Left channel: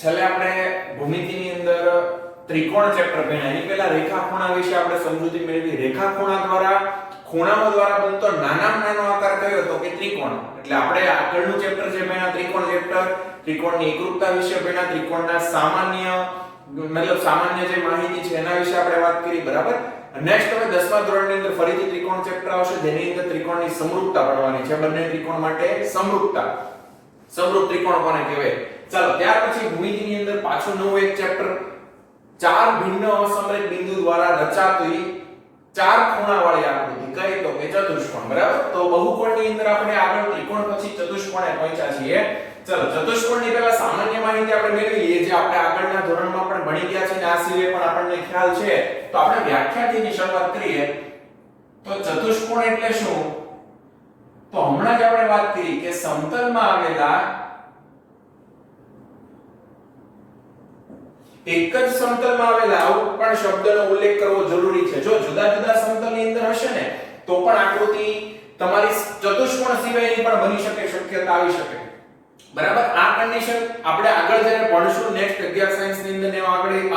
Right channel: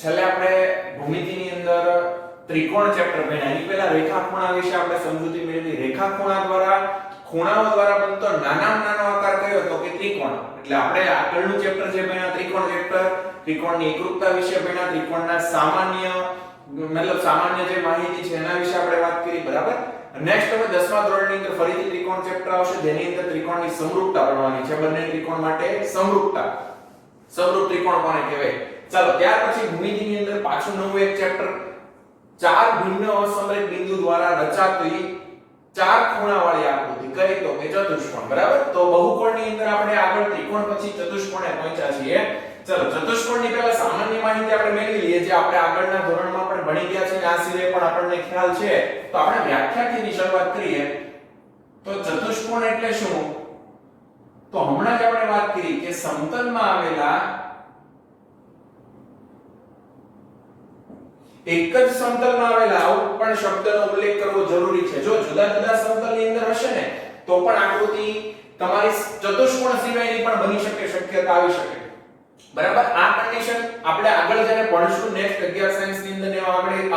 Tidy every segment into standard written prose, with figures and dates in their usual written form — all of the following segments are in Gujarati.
છેલ્લે આપણે ભૂમિતિની અંદર ત્રિકોણ ચેપ્ટર ભણ્યા. એની પહેલા રેખાખૂણા વિશે આપણે સમજૂતી મેળવી. રેખાખૂણા દ્વારા ખૂણાઓ દ્વારા બનતો નાનામાં નાનો આકાર કયો તો કે ત્રિકોણ. એટલે આપણે આગળનું ચેપ્ટર જે ભણ્યા ત્રિકોણ ચેપ્ટર, ત્રિકોણની એકરૂપતા વિશે ભણ્યા, ત્રિકોણના સામાન્ય જે માહિતી છે એના વિશે આપણે વાત કરી, બરાબર. નેક્સ્ટ હવે 10મા ધોરણની અંદર ફરીથી ત્રિકોણ ચેપ્ટર આવશે જેની અંદર ત્રિકોણની સમરૂપતા ભણવાની છે. બંને ત્રિકોણ માટે સમરૂપતા, સમરૂપ ત્રિકોણ કોને કહેવાય. ચાલો ત્યાર પછી ભૂમિતિની અંદર પાછું નવું એક ચેપ્ટર, ચાર ભિન્ન અસમરેખ બિંદુ દ્વારા રચાતી ચાર ખૂણાવાળી આકૃતિ કઈ તો કે ચતુષ્કોણ, બરાબર. તો બહુકોણની અંદર આપણે આગળ ત્રિકોણ પછી ચતુષ્કોણે પહોંચ્યા છીએ. ચલો ચતુષ્કોણની પહેલા સામાન્ય માહિતી આપણે મેળવી લઈએ જે આપણે આગળના ધોરણમાં પણ ભણી ગયા છે અને આ સિવાય પણ આપણને ખ્યાલ છે. તો આપણે વ્યાખ્યાથી શરૂઆત કરીએ. તો ચતુષ્કોણ એટલે શું? તો હમણાં જ આપણે વાત કરી કે સમતલમાં આવેલા એક જ સમતલમાં આવેલા આવું પણ શબ્દનો ઉલ્લેખ કરવો જરૂરી છે. જો જુદા જુદા સમતલની અંદર હશે ને તો પણ આકૃતિ તમારી ચતુષ્કોણ સિવાયની પણ બની શકે, શક્યતા આવી શકે, બરાબર. આ કન્ડિશન આપણે આગળ જ્યારે ભણશું નેક્સ્ટ 11 સાયન્સ ની અંદર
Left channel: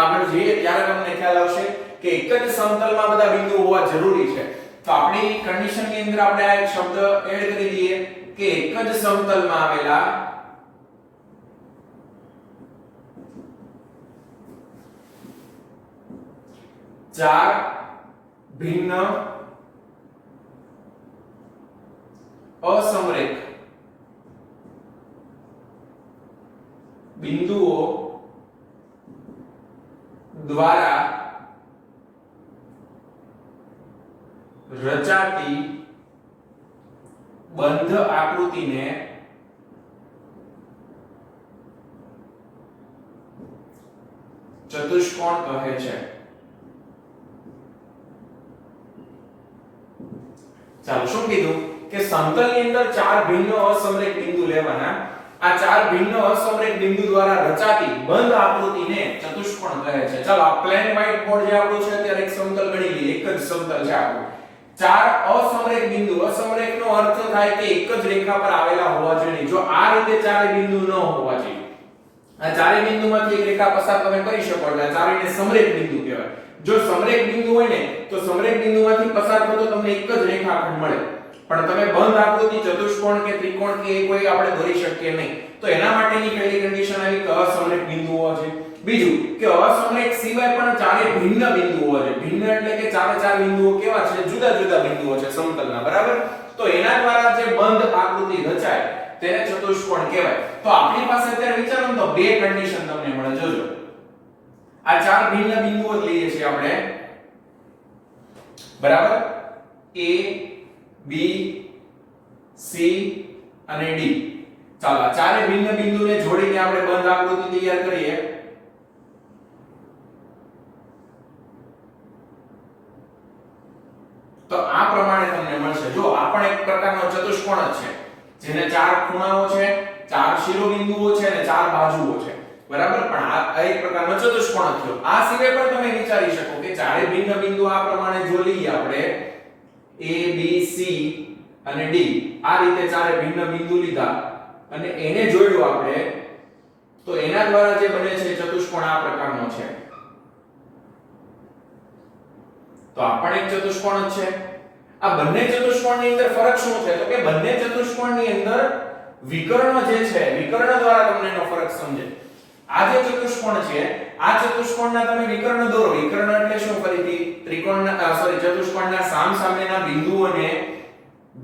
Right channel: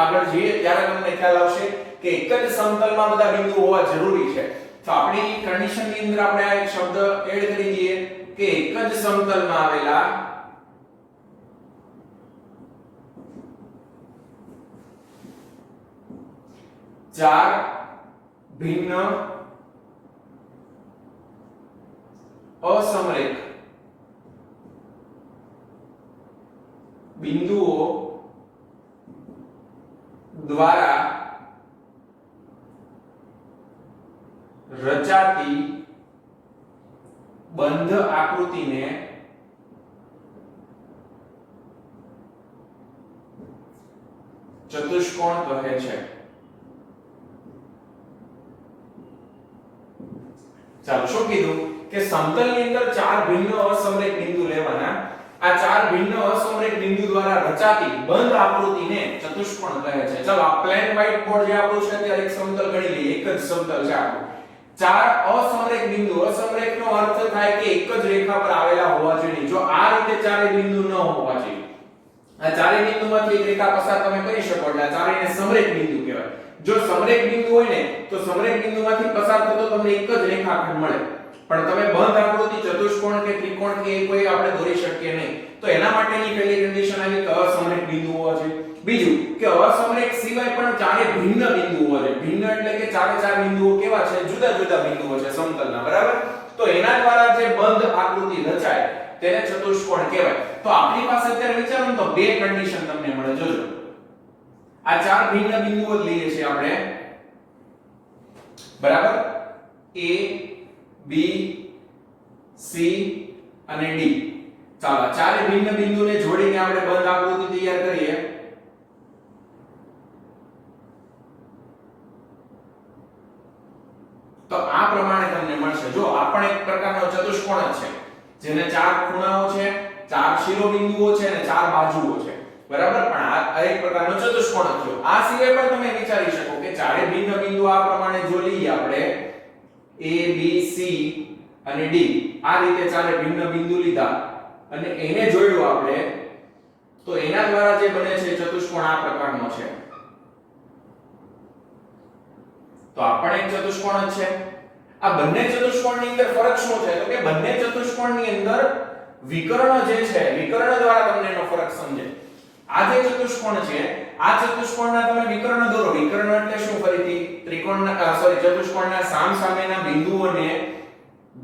આગળ જઈએ ત્યારે તમને ખ્યાલ આવશે કે એક જ સમતલમાં બધા બિંદુ હોવા જરૂરી છે. તો આપણી કન્ડિશન ની અંદર આપણે આ એક શબ્દ એડ કરી દઈએ કે એક જ સમતલમાં આવેલા ચાર ભિન્ન અસમરેખ બિંદુઓ દ્વારા રચાતી બંધ આકૃતિને ચતુષ્કોણ કહે છે. ચાલો શું કીધું કે સમતલની અંદર ચાર ભિન્ન અસમરેખ બિંદુ લેવાના. આ ચાર ભિન્ન અસમરેખ બિંદુ દ્વારા રચાતી બંધ આકૃતિને ચતુષ્કોણ કહે છે. ચાલો આ પ્લેન વ્હાઇટ બોર્ડ જે આપણું છે ત્યારે એક સમતલ ગણી લઈએ. એક જ સમતલ છે આપણું. ચાર અસમરેખ બિંદુ, અસમરેખનો અર્થ થાય કે એક જ રેખા પર આવેલા હોવા જોઈએ. જો આ રીતે ચારે બિંદુ ન હોવા જોઈએ. આ ચારે બિંદુમાંથી એક રેખા પસાર તમે કરી શકો એટલે આ ચારેયને સમરેખ બિંદુ કહેવાય. જો સમરેખ બિંદુ હોય ને તો સમરેખ બિંદુમાંથી પસાર થતો તમને એક જ રેખાખંડ મળે. પણ તમે બંધ આકૃતિ ચતુષ્કોણ કે ત્રિકોણ કે કોઈ આપણે દોરી શકીએ નહીં. તો એના માટેની પહેલી કન્ડિશન આવી કે અસમરેખ બિંદુ હોવા જોઈએ. બીજું કે અસમરેખ સિવાય પણ ચારે ભિન્ન બિંદુ હોવા જોઈએ. ભિન્ન એટલે કે ચારે ચાર બિંદુઓ કેવા છે? જુદા જુદા બિંદુઓ છે સમતલના, બરાબર. તો એના દ્વારા જે બંધ આકૃતિ રચાય તેને ચતુષ્કોણ કહેવાય. તો આપણી પાસે અત્યારે વિચારો તો બે કન્ડિશન તમને મળે. જોજો આ ચાર ભિન્ન બિંદુઓ જ લઈએ છીએ આપણે, બરાબર. A B C અને D. ચાલો આ ચારે ભિન્ન બિંદુને જોડીને આપણે બંધ આકૃતિ તૈયાર કરીએ. તો આ પ્રમાણે તમને મળશે. જો આ પણ એક પ્રકારનો ચતુષ્કોણ જ છે જેને ચાર ખૂણાઓ છે, ચાર શિરોબિંદુઓ છે અને ચાર બાજુઓ છે, બરાબર. પણ આ એક પ્રકારનો ચતુષ્કોણ જ થયો. આ સિવાય પણ તમે વિચારી શકો કે ચારે ભિન્ન બિંદુ આ પ્રમાણે જો લઈએ આપણે A B C અને D, આ રીતે ચારે ભિન્ન બિંદુ લીધા અને એને જોડ્યું આપણે તો એના દ્વારા જે બને છે ચતુષ્કોણ આ પ્રકારનો છે. તો આ પણ એક ચતુષ્કોણ જ છે. આ બંને ચતુષ્કોણની અંદર ફરક શું છે? તો કે બંને ચતુષ્કોણની અંદર વિકર્ણ જે છે, વિકર્ણ દ્વારા તમને એનો ફરક સમજે. આ જે ચતુષ્કોણ છે આ ચતુષ્કોણના તમે વિકર્ણ દોરો. વિકર્ણ એટલે શું? ફરીથી ત્રિકોણના ચતુષ્કોણના સામસામેના બિંદુઓને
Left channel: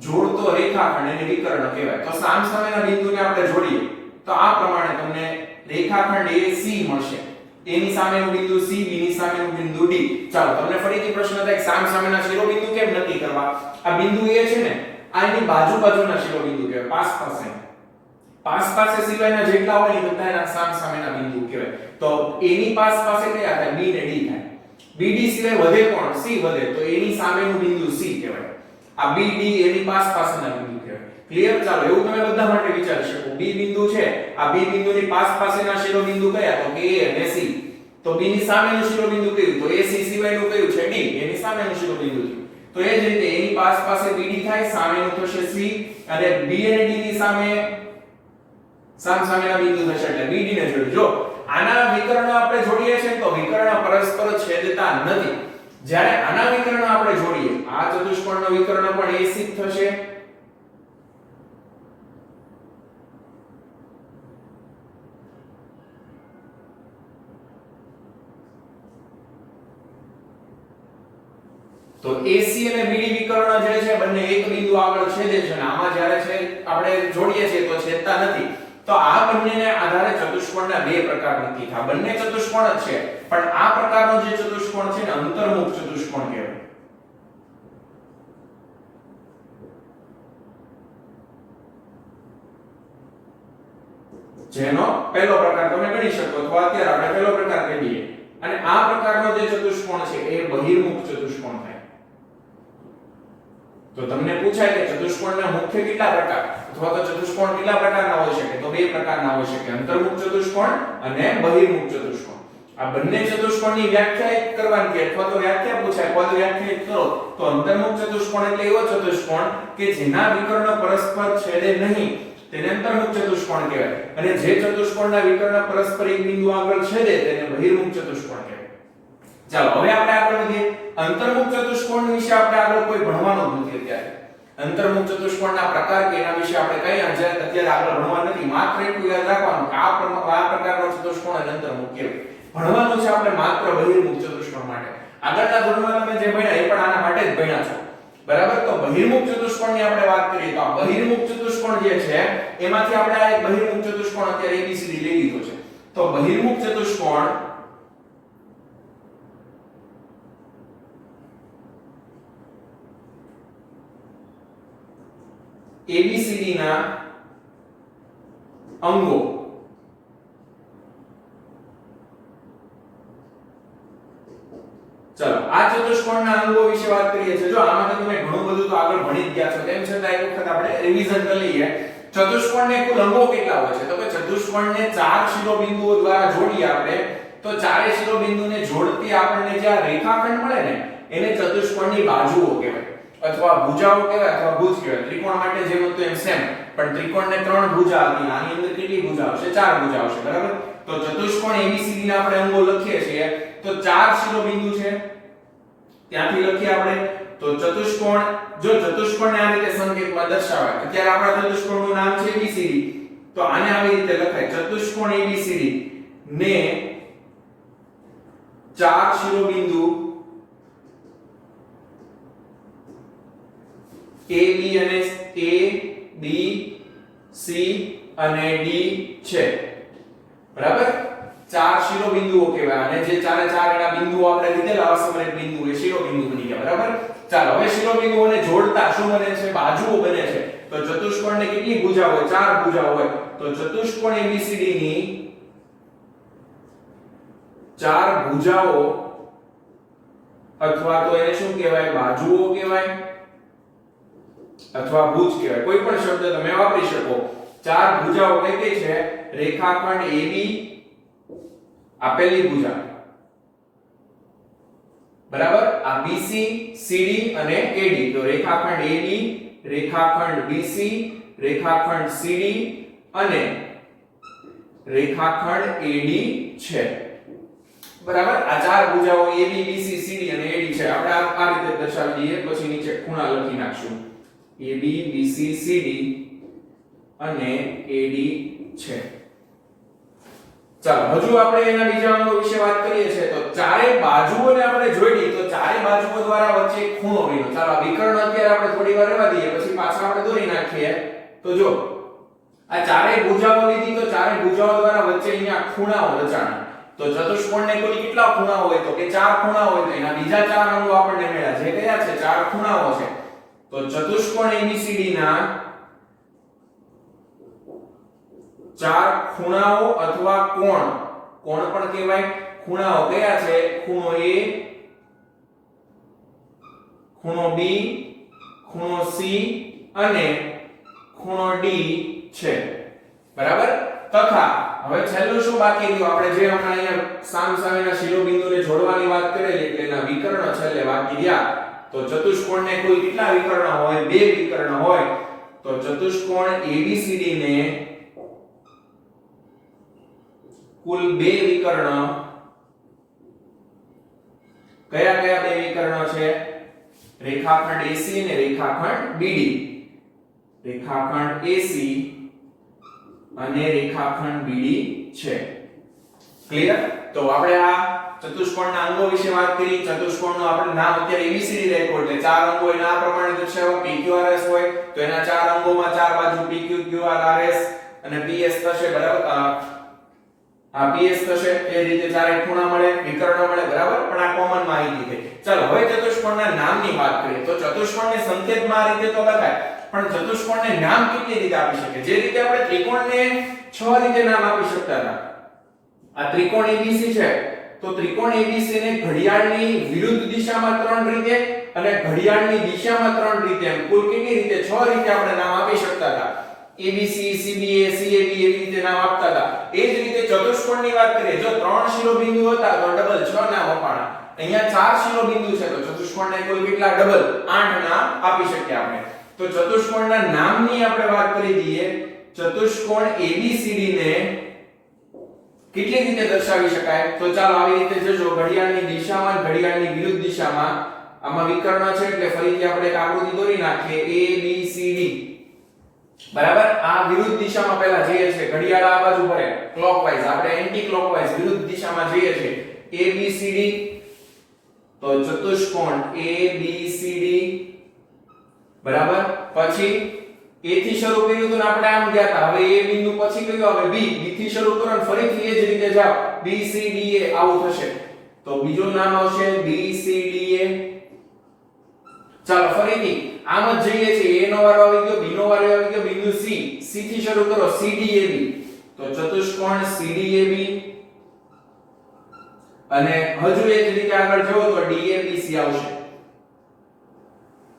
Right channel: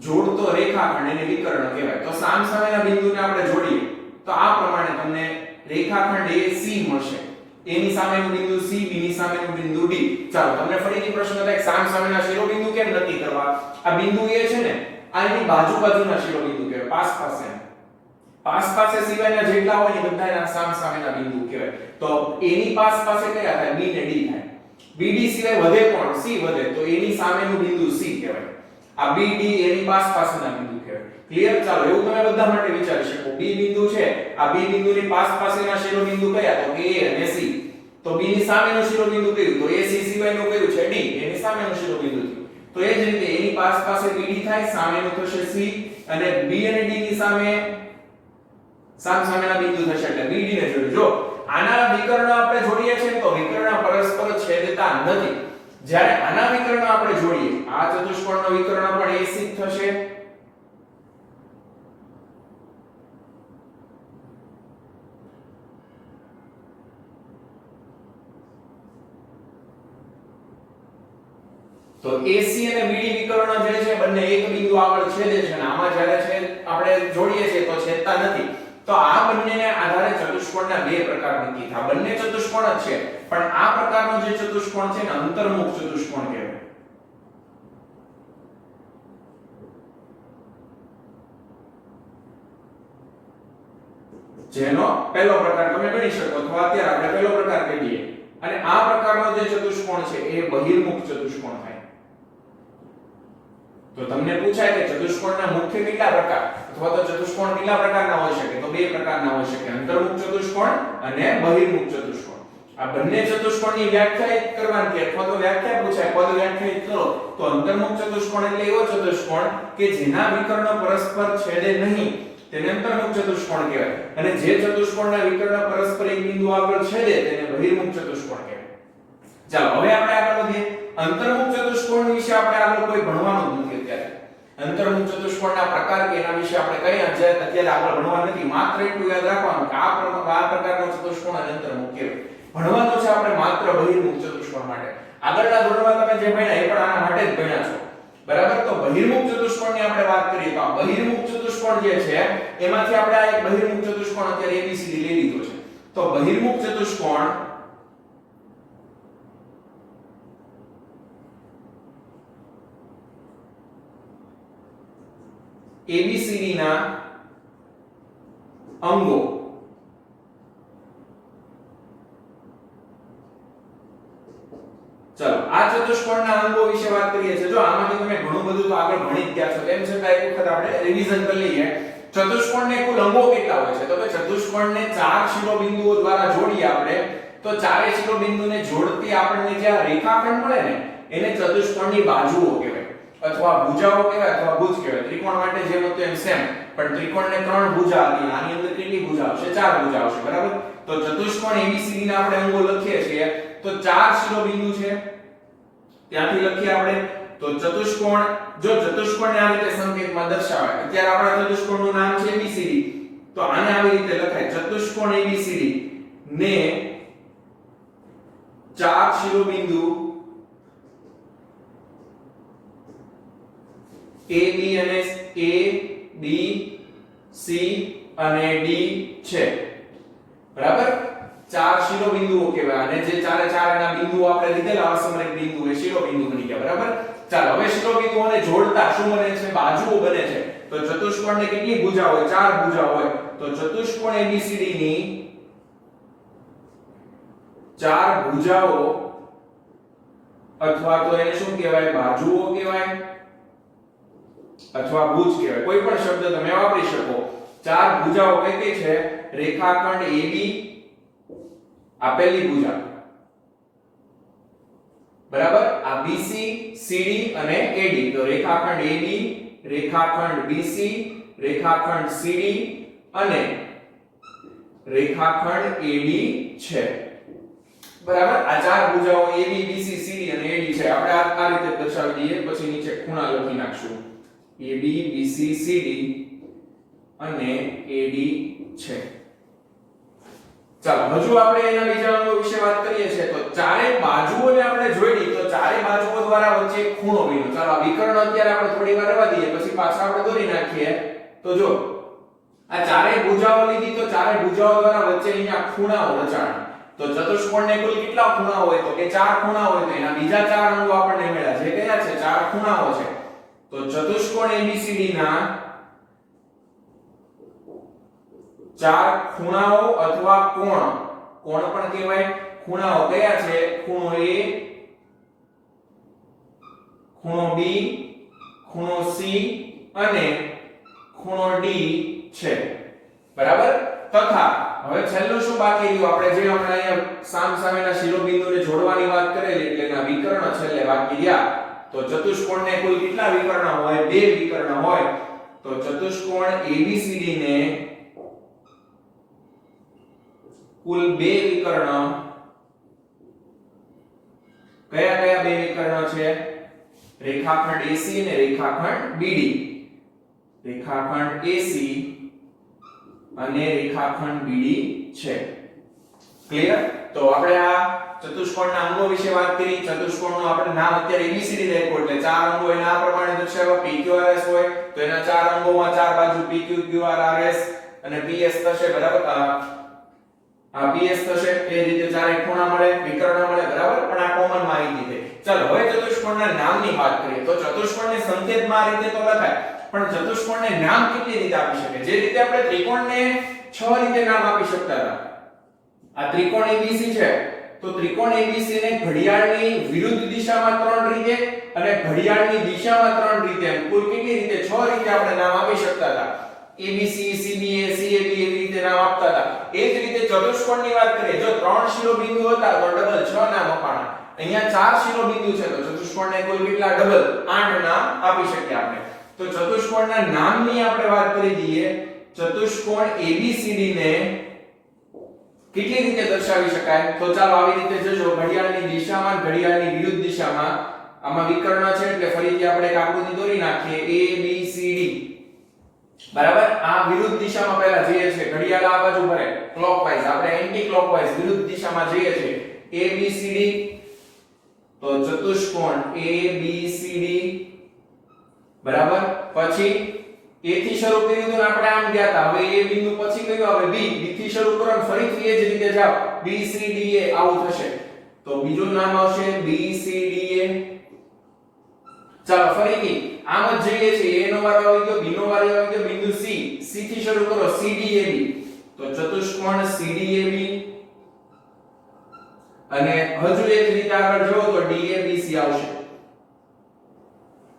જોડતો રેખાખંડ એને વિકર્ણ કહેવાય. તો સામસામેના બિંદુને આપણે જોડીએ તો આ પ્રમાણે તમને રેખાખંડ AC મળશે. A ની સામેનું બિંદુ C, B ની સામેનું બિંદુ D. ચાલો તમને ફરીથી પ્રશ્ન થાય સામસામેના શિરોબિંદુ કેમ નક્કી કરવા? આ બિંદુ A છે ને આ એની બાજુના શિરોબિંદુ કહેવાય. પાસ પાસે સિવાયના જેટલા હોય ને બધા એના સામસામેના બિંદુ કહેવાય. તો A ની પાસે કયા થાય? B ને D થાય. BD સિવાય વધે કોણ? C વધે. તો A ની સામેનું બિંદુ C કહેવાય. આ BD એની પાસેના બિંદુ કહેવાય. ક્લિયર? ચાલો એવું તમે બધા માટે વિચારી શકો. B બિંદુ છે, આ B બિંદુની પાસેના શિરોબિંદુ કયા? તો કે A અને C. તો B ની સામેનું શિરોબિંદુ કયું? તો AC સિવાયનું કયું છે? D. એની સામેનું શિરોબિંદુ છે. તો એ જ રીતે એની પાસે BD થાય, સામેનું થશે C અને B અને D ની સામેના બિંદુ થશે એટલે BD ને જોડો. જો આના વિકર્ણ આપણે જોડીએ છીએ તો વિકર્ણ પરસ્પર છેદતા નથી. જ્યારે આના વિકર્ણ આપણે જોડીએ, આ ચતુષ્કોણનો વિકર્ણ પણ AC જ થશે. તો AC અને BD વિકર્ણ જે છે બંને એક બિંદુ આગળ છેદે છે અને આમાં જ્યારે છે આપણે જોડીએ છીએ તો છેદતા નથી. તો આ બંનેને આધારે ચતુષ્કોણના બે પ્રકાર નક્કી થાય. બંને ચતુષ્કોણ જ છે પણ આ પ્રકારનો જે ચતુષ્કોણ છે ને અંતર્મુખ ચતુષ્કોણ કહેવાય. જેનો પહેલો પ્રકાર તમે ગણી શકો અથવા અત્યારે આપણે પહેલો પ્રકાર કહીએ. અને આ પ્રકારનો જે ચતુષ્કોણ છે એ બહિર્મુખ ચતુષ્કોણ થાય. તો તમને પૂછાય કે ચતુષ્કોણના મુખ્ય કેટલા પ્રકાર અથવા તો ચતુષ્કોણ કેટલા પ્રકારના હોઈ શકે, તો બે પ્રકારના હોઈ શકે, અંતર્મુખ ચતુષ્કોણ અને બહિર્મુખ ચતુષ્કોણ. આ બંને ચતુષ્કોણની વ્યાખ્યાયિત કરવાની અથવા તો વ્યાખ્યા પૂછાય, પદ વ્યાખ્યાયિત કરો તો અંતર્મુખ ચતુષ્કોણ એટલે એવો ચતુષ્કોણ કે જેના વિકર્ણ પરસ્પર છેદે નહીં તેને અંતર્મુખ ચતુષ્કોણ કહેવાય. અને જે ચતુષ્કોણના વિકર્ણ પરસ્પર એક બિંદુ આગળ છેદે તેને બહિર્મુખ ચતુષ્કોણ કહેવાય. ચાલો હવે આપણે આગળ વધીએ. અંતર્મુખ ચતુષ્કોણ વિશે આપણે આગળ કોઈ ભણવાનું જ નથી અત્યારે. અંતર્મુખ ચતુષ્કોણના પ્રકાર કે એના વિશે આપણે કઈ અત્યારે આગળ ભણવા નથી. માત્ર એટલું યાદ રાખવાનું કે આ પ્રકારનો ચતુષ્કોણ અને અંતર્મુખ કહેવાય. ભણવાનું છે આપણે માત્ર બહિર્મુખ ચતુષ્કોણ માટે. આગળના ધોરણમાં તમે જે ભણ્યા એ પણ આના માટે જ ભણ્યા છો. બરાબર. તો બહિર્મુખ ચતુષ્કોણની આપણે વાત કરીએ તો આ બહિર્મુખ ચતુષ્કોણ જે છે એમાંથી આપણે આ એક બહિર્મુખ ચતુષ્કોણ અત્યારે ABCD લઈ લીધો છે. તો બહિર્મુખ ચતુષ્કોણ ABCD ના અંગો ચલો આ ચતુષ્કોણના અંગો વિશે વાત કરીએ છીએ. જો આમાંથી તમે ઘણું બધું તો આગળ ભણી જ ગયા છો, તેમ છતાં એક વખત આપણે રિવિઝન કરી લઈએ. ચતુષ્કોણને કુલ અંગો કેટલા હોય છે? તો કે ચતુષ્કોણને 4 શિરોબિંદુઓ દ્વારા જોડીએ આપણે તો ચારે શિરોબિંદુને જોડતી આપણને જે આ રેખાખંડ મળે ને એને ચતુષ્કોણની બાજુઓ કહેવાય અથવા ભુજાઓ કહેવાય અથવા ભુજ કહેવાય. ત્રિકોણ માટે જેમ હતું એમ સેમ, પણ ત્રિકોણને 3 ભુજા હતી. આની અંદર કેટલી ભુજા આવશે? 4 ભુજા આવશે. બરાબર. તો ચતુષ્કોણ ABCD ના આપણે અંગો લખીએ છીએ તો 4 શિરોબિંદુ છે ત્યાંથી લખીએ આપણે. તો ચતુષ્કોણ, જો ચતુષ્કોણને આ રીતે સંકેતમાં દર્શાવે, અત્યારે આપણા ચતુષ્કોણનું નામ છે ABCD, તો આને આવી રીતે લખાય ચતુષ્કોણ ABCD ને 4 શિરોબિંદુ A B અને A B C અને D છે. બરાબર. 4 શિરોબિંદુઓ કહેવાય અને જે ચારે ચાર એના બિંદુઓ આપણે લીધેલા અસમમિત બિંદુ એ શિરોબિંદુ બની ગયા. બરાબર. ચાલો હવે શિરોબિંદુઓને જોડતા શું બને છે? બાજુઓ બને છે. તો ચતુષ્કોણને કેટલી ભુજા હોય? 4 ભુજા હોય. તો ચતુષ્કોણ ABCD ની 4 ભુજાઓ અથવા તો એને શું કહેવાય? બાજુઓ કહેવાય અથવા ભુજ કહેવાય. કોઈ પણ શબ્દ તમે વાપરી શકો. 4 ભુજાઓ કઈ કઈ છે? રેખાખંડ AB, આ પહેલી ભુજા. બરાબર. આ BC, CD અને AD. તો રેખાખંડ AB, રેખાખંડ BC, રેખાખંડ CD અને રેખાખંડ AD છે. બરાબર. આ 4 ભુજાઓ AB, BC, CD અને AD છે. આપણે આ રીતે દર્શાવી દઈએ, પછી નીચે ખૂણા લખી નાખશું. AB, BC, CD અને AD છે. ચાલો હજુ આપણે એના બીજા અંગો વિશે વાત કરીએ છીએ. તો ચારે બાજુઓને આપણે જોડી તો ચારે બાજુઓ દ્વારા વચ્ચે એક ખૂણો બન્યો. ચાલો આ વિકર્ણ અત્યારે આપણે થોડી વાર રહેવા દઈએ, પછી પાછા આપણે દોરી નાખીએ. તો જો આ ચારે ભુજાઓ લીધી તો ચારે ભુજાઓ દ્વારા વચ્ચે અહીંયા ખૂણાઓ રચાણા. તો ચતુષ્કોણને કુલ કેટલા ખૂણાઓ હોય? તો કે 4 ખૂણાઓ હોય. તો એના બીજા 4 અંગો આપણને મળ્યા. જે કયા છે? 4 ખૂણાઓ છે. તો ચતુષ્કોણ ABCD ના 4 ખૂણાઓ અથવા કોણ, કોણ પણ કહેવાય. ખૂણાઓ કયા છે? ખૂણો A, ખૂણો B, ખૂણો C અને ખૂણો D છે. બરાબર. તથા હવે છેલ્લું શું બાકી રહ્યું? આપણે જે હમણાં અહીંયા સામસામેના શિરોબિંદુને જોડવાની વાત કરેલી એટલે એના વિકર્ણ છેલ્લે બાકી રહ્યા. તો ચતુષ્કોણને કુલ કેટલા વિકર્ણ હોય? 2 વિકર્ણ હોય. તો ચતુષ્કોણ ABCD ને કુલ બે વિકર્ણ. કયા કયા બે વિકર્ણો છે? રેખાખંડ AC અને રેખાખંડ BD. રેખાખંડ AC અને રેખાખંડ BD છે. ક્લિયર? તો આપણે આ ચતુષ્કોણના અંગો વિશે વાત કરી. ચતુષ્કોણનું આપણે નામ અત્યારે ABCD રાખ્યું એટલે ચાર અંગો એના આ પ્રમાણે દર્શાવવા. PQRS હોય તો એના ચાર અંગોમાં ચાર બાજુ PQ QRRS અને PS થશે. બરાબર? આ PS થશે. એ રીતે ચારે ખૂણા મળે, વિકર્ણ મળે. બરાબર? પણ આ કોમન માહિતી છે. ચાલો હવે ચતુષ્કોણના નામની વાત કરીએ. તો ચતુષ્કોણને સંકેતમાં આ રીતે તો લખાય, પણ ચતુષ્કોણને નામ કેટલી રીતે આપી શકે? જે રીતે આપણે ત્રિકોણને 6 રીતે નામ આપી શકતા હતા. આ ત્રિકોણ ABC છે તો ત્રિકોણ ABC ને ઘડિયાળની વિરુદ્ધ દિશામાં 3 રીતે અને ઘડિયાળની દિશામાં 3 રીતે, એમ કુલ કેટલી રીતે? 6 રીતે આપણે નામ આપી શકતા હતા. ABC, CBA, CAB એવી રીતે નામ આપતા હતા. એ જ રીતે ચતુષ્કોણની વાત કરીએ, જો 3 શિરોબિંદુ હતા તો ડબલ 6 નામ અપાણા. અહીંયા 4 શિરોબિંદુ છે તો ચતુષ્કોણને કુલ કેટલા? ડબલ 8 નામ આપી શકીએ આપણે. તો ચતુષ્કોણના નામની આપણે વાત કરી દઈએ. ચતુષ્કોણ ABCD ને કેટલી રીતે દર્શાવી શકાય? તો ચાલો આવી રીતે જોજો. ઘડિયાળની દિશામાં ઘડિયાળની વિરુદ્ધ દિશામાં આમાં વિકર્ણ છે એટલે ફરીથી આપણે એક આકૃતિ દોરી નાખીએ. ABCD. બરાબર? આ વિરુદ્ધ દિશામાં પહેલા જઈએ છે. ઘડિયાળ આ બાજુ ફરે ક્લોકવાઇઝ, આપણે એન્ટી ક્લોકવાઇઝ વિરુદ્ધ દિશામાં જઈએ છે. ABCD. તો ચતુષ્કોણ ABCD. બરાબર? પછી A થી શરૂ કર્યું તો આપણે આમ ગયા હતા. હવે A બિંદુ પછી કયું આવે? B. B થી શરૂ કરો અને ફરીથી એ જ રીતે જાઓ. BCDA આવું થશે. તો બીજું નામ આવશે BCDA. ચાલો ફરીથી આમ જ જઈએ છીએ. A નો વારો આવી ગયો, B નો વારો આવી ગયો, બિંદુ C. C થી શરૂ કરો CDAB. તો ચતુષ્કોણ CDAB. અને હજુ એ જ રીતે આગળ જો તો DABC આવશે.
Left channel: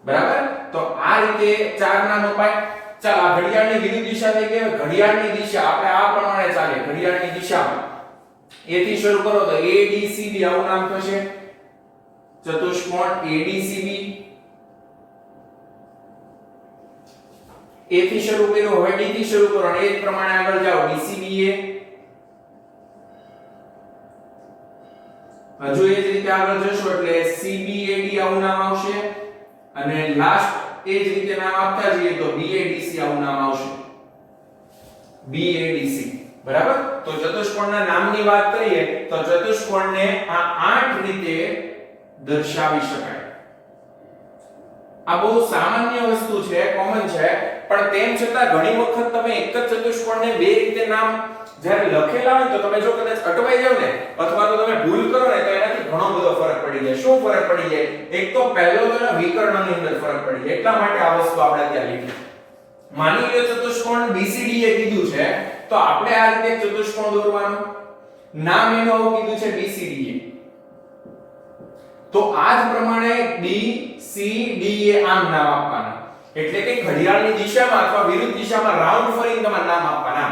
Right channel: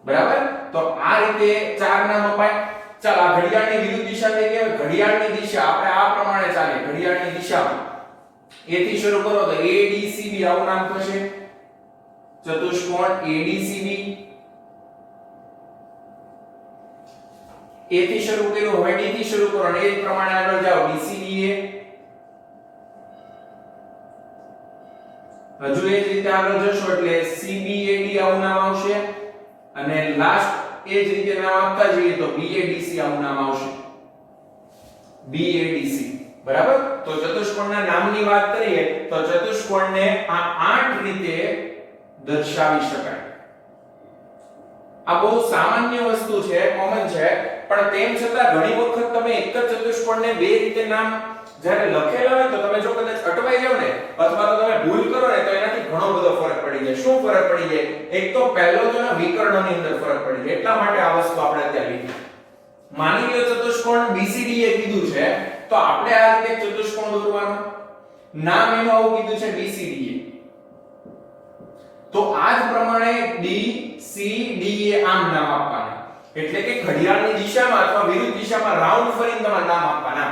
બરાબર? તો આ રીતે ચાર નામ અપાય. ચાલ આ ઘડિયાળની વિરુદ્ધ દિશા થઈ ગઈ. ઘડિયાળની દિશા આપણે આ પ્રમાણે ચાલે. ઘડિયાળની દિશામાં A થી શરૂ કરો તો ADCB આવું નામ થશે. ચતુષ્કોણ ADCB. A થી શરૂ કર્યો, હવે D થી શરૂ કરો અને એ જ પ્રમાણે આગળ જાઓ. DCBA. હજુ એ જ રીતે આગળ જશો એટલે CBAD આવું નામ આવશે. અને લાસ્ટ એ જ રીતે નામ આપતા જઈએ તો BADC આવું નામ આવશે. BADC. બરાબર? તો ચતુષ્કોણના નામની વાત કરીએ તો ચતુષ્કોણને આ 8 રીતે દર્શાવી શકાય. આ બહુ સામાન્ય વસ્તુ છે, કોમન છે, પણ તેમ છતાં ઘણી વખત તમે એક જ ચતુષ્કોણને બે રીતે નામ જ્યારે લખેલા હોય તો તમે જો કદાચ અટવાઈ જાવ ને અથવા તો તમે ભૂલ કરો ને તો એનાથી ઘણો બધો ફરક પડી જાય. શું ફરક પડી જાય? એક તો પહેલો તો એના વિકર્ણની અંદર ફરક પડી જાય. એટલા માટે આ વસ્તુ આપણે અત્યારે લીધી. માની લો ચતુષ્કોણ BCDA કીધું છે તો આપણે આ રીતે ચતુષ્કોણ દોરવાનું. નામ એનું આવું કીધું છે BCDA. તો આ જ પ્રમાણે DCDA આમ નામ આપવાના. એટલે કે ઘડિયાળની દિશામાં અથવા વિરુદ્ધ દિશામાં રાઉન્ડ ફરીને તમારે નામ આપવાના.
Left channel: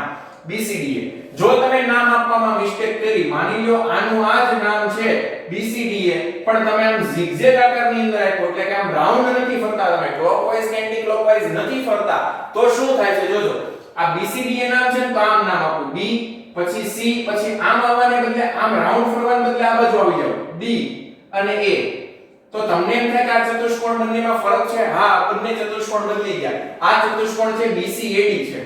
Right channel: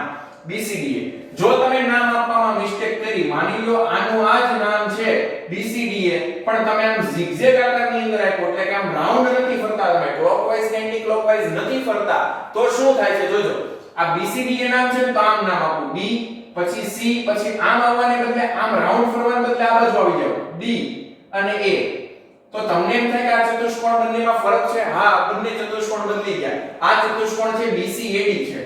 BCDA. જો તમે નામ આપવામાં મિસ્ટેક કરી, માની લો આનું આ જ નામ છે BCDA, પણ તમે આમ zigzag આકારની અંદર આપ્યો એટલે કે આમ રાઉન્ડ નથી ફરતા, તમે ક્લોકવાઇઝ કે એન્ટી ક્લોકવાઇઝ નથી ફરતા, તો શું થાય છે જોજો. આ BCDA નામ છે તો આમ નામ આપો B, પછી C, પછી આમ આવવાને બદલે આમ રાઉન્ડ ફરવાને બદલે આ બાજુ આવી જાવ D અને A. તો તમને એમ થાય કે આ ચતુષ્કોણ બંનેમાં ફરક છે? હા, બંને ચતુષ્કોણ બદલી ગયા. આ ચતુષ્કોણ છે BCAD છે.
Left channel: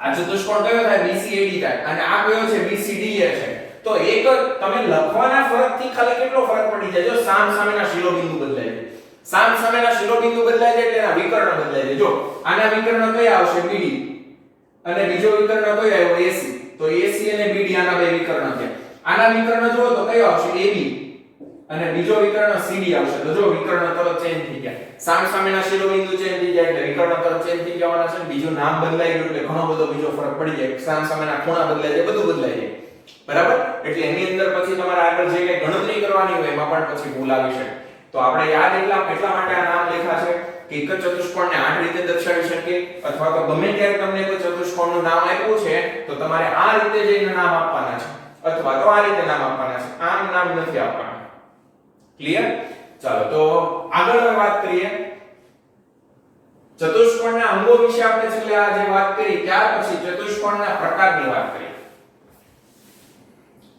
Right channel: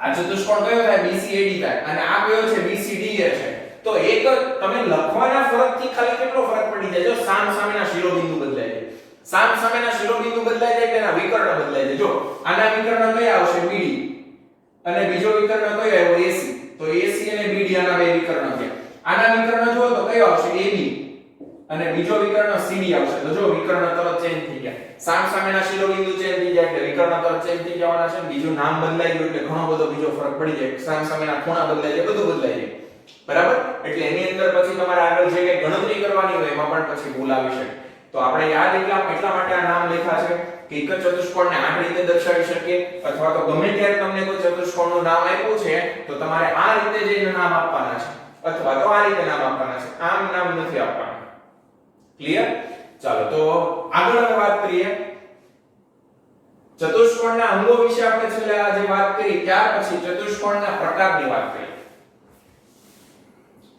આ ચતુષ્કોણ કયો થાય? BCAD થાય. અને આ કયો છે? BCDA છે. તો એક જ તમે લખવાના ફરકથી ખાલી કેટલો ફરક પડી જાય? જો સામ સામેના શિરોબિંદુ બદલાય જાય. સામ સામેના શિરોબિંદુ બદલાય જાય એટલે એના વિકર્ણ બદલાય જાય. જો આના વિકર્ણ કયા આવશે? BD. અને બીજો વિકર્ણ કયો આવ્યો? AC. તો AC અને BD આના બે વિકર્ણ થયા. આના વિકર્ણ જુઓ તો કયો આવશે? AB. અને બીજો વિકર્ણ CD આવશે. તો જો વિકર્ણ તરત ચેન્જ થઈ ગયા. સામ સામેના શિરોબિંદુ ચેન્જ થઈ જાય એટલે વિકર્ણ તરત ચેન્જ થઈ જવાના છે. બીજું નામ બદલાઈ ગયું એટલે ઘણો બધો બીજો ફરક પડી જાય. સામ સામેના ખૂણા બદલાઈ જાય, બધું બદલાઈ જાય. બરાબર? એટલે એની અંદર પછી તમારે આગળ જે કઈ ગણતરી કરવાની હોય એમાં પણ પછી ભૂલ આવી શકે. તો આપણે યાદ એટલા માટે આ નામ લખ્યા છે કે એક જ ચતુષ્કોણને 8 રીતે દર્શાવી શકીએ, અથવા તો ગમે ત્યારે તમને કોઈ ચતુષ્કોણનું નામ આપ્યું છે તો તમારે આ રીતે જે નામ આપવાના છે અથવા તો આ રીતે નામ આપવાના છે. આમ નામ નથી આપવાના. ક્લિયર? ચાલો તો આગળ હવે વાત કરીએ. ચતુષ્કોણના અંગો વિશે આપણે છેલ્લે આજે વાત કરી, ત્યાર પછી ચતુષ્કોણના પ્રકારની વાત કરીએ.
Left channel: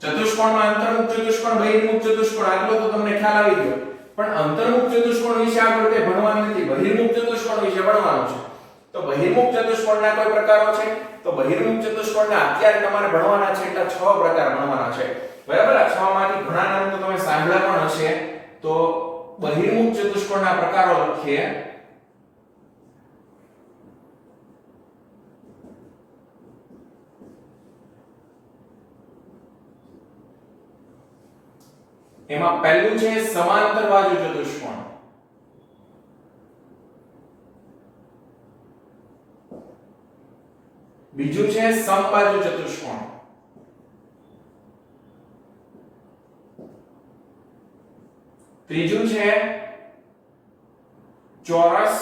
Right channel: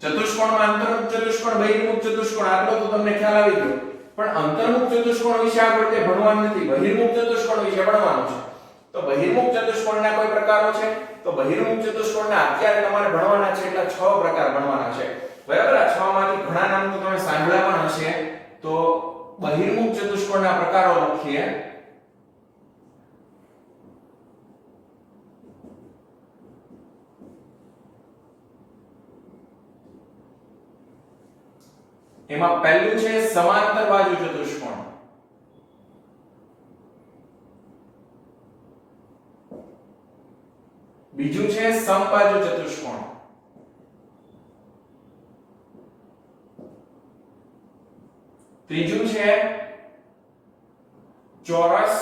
ચતુષ્કોણમાં અંતર્મુખ ચતુષ્કોણ બહિર્મુખ ચતુષ્કોણ આટલો તો તમને ખ્યાલ આવી ગયો, પણ અંતર્મુખ ચતુષ્કોણ વિશે આપણે કંઈ ભણવાનું નથી, બહિર્મુખ ચતુષ્કોણ વિશે ભણવાનું છે. તો બહિર્મુખ ચતુષ્કોણના કોઈ પ્રકારો છે? તો બહિર્મુખ ચતુષ્કોણના અત્યારે તમારે ભણવાના છે એટલે 6 પ્રકાર ભણવાના છે. બરાબર, આ 6 માંથી ઘણા નામ તો તમે સાંભળ્યા પણ હશે. તો બહિર્મુખ ચતુષ્કોણના પ્રકારો લખીએ. એમાં પહેલું છે સમાંતર બાજુ ચતુષ્કોણ. બીજું છે સમબાજુ ચતુષ્કોણ. ત્રીજું છે ચોરસ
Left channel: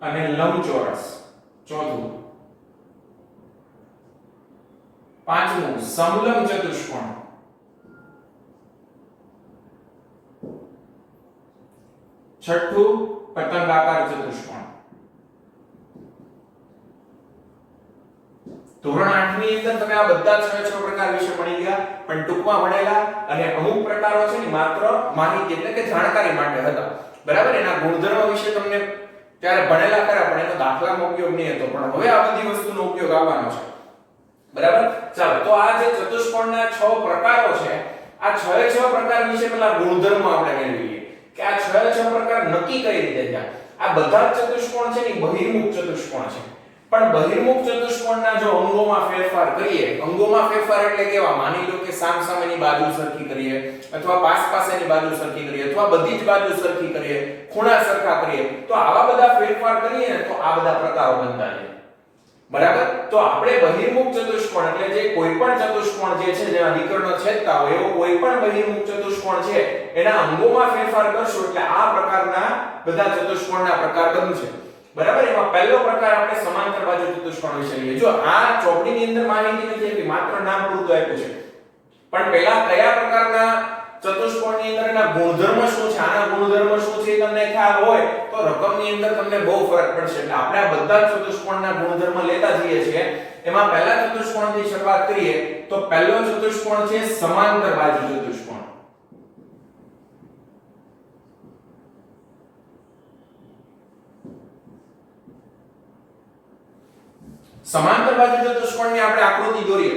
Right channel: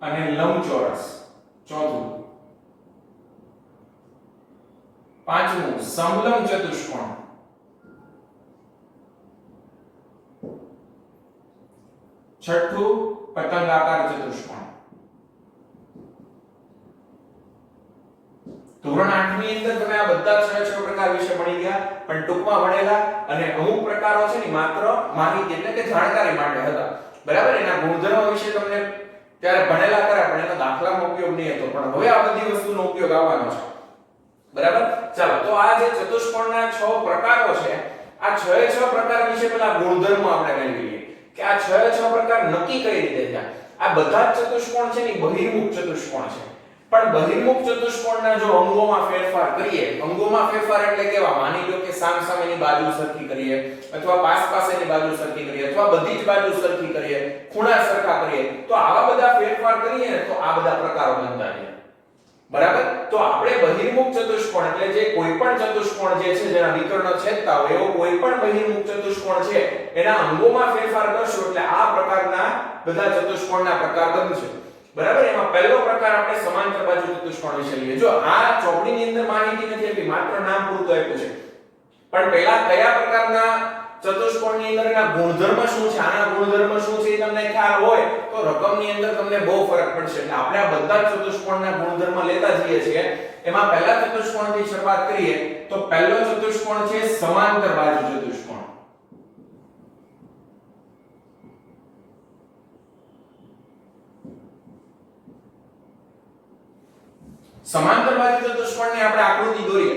અને લંબચોરસ. ચોથું પાંચમું સમલંબ ચતુષ્કોણ. છઠ્ઠું પતંગાકાર ચતુષ્કોણ. ધોરણ 8 ની અંદર તમે આ બધા 6 પ્રકાર વિશે ભણી ગયા, પણ ટૂંકમાં ભણેલા અને અમુક પ્રકારો છે ને માત્ર માહિતી એટલે કે જાણકારી માટે હતા. બરાબર, એના ગુણધર્મ વિશે તમને ત્યારે ભણેલા કર્યા, પણ એનો દાખલાનો ઉપયોગ નહીં હતો. પણ હવે આ બધી વસ્તુનો ઉપયોગ આવવાનો છે. બરાબર, ચાલો તો આ જે ચતુષ્કોણના 6 પ્રકારો છે, આ 6 પ્રકાર વિશે પેલા ગુણધર્મ આપણે મેળવીએ કે આ 6 પ્રકાર નક્કી કઈ રીતે થયા. આ બધા જ ચતુષ્કોણ છે ને બહિર્મુખ ચતુષ્કોણ છે, પણ બહિર્મુખ ચતુષ્કોણના જો અંગોમાં ફેરફાર કરીએ, અંગોમાં ફેરફાર એટલે કેવા, માની લો કે સામસામેની બાજુ સરખી કરીએ, અથવા પાસ પાસેની બાજુ સરખી કરીએ, અથવા બધી જ બાજુ સરખી કરીએ, ખૂણા સરખા કરીએ, તો આવા બધા ફેરફાર કરીએ ને તો આ બધા પ્રકારો બનતા જાય. બરાબર, તો આપણે બહિર્મુખ ચતુષ્કોણ એટલે જે કોઈ પણ ચતુષ્કોણ જે છે જેના વિકર્ણ છેદતા હોય એવો કોઈ પણ બહિર્મુખ ચતુષ્કોણ છે એના અંગોમાં ફેરફાર કરશું એટલે આ પ્રકારના બધા ચતુષ્કોણના પ્રકાર બનશે. બરાબર, એમાં પહેલો પ્રકાર આપણે સમાંતર બાજુ ચતુષ્કોણ વિશે લઈએ. જો આ ચોપડીની અંદર માહિતી નથી આપી, માત્ર નામ પૂરતું આપ્યું છે, પણ પહેલા કયા પ્રકારના ચતુષ્કોણની અંદર એના ગુણધર્મ શું છે, આના ગુણધર્મ શું છે એ તમને ખ્યાલ હોય તો રકમની અંદર તમને બહુ ફરક પડશે. એટલે આપણે આ બધા ચતુષ્કોણના ગુણધર્મ લેતા જઈએ છીએ. એમાં પહેલા ચતુષ્કોણથી શરૂઆત કરીએ તો પહેલો ચતુષ્કોણ છે સમાંતર બાજુ ચતુષ્કોણ. સમાંતર બાજુ ચતુષ્કોણની આપણે આકૃતિ દોરીએ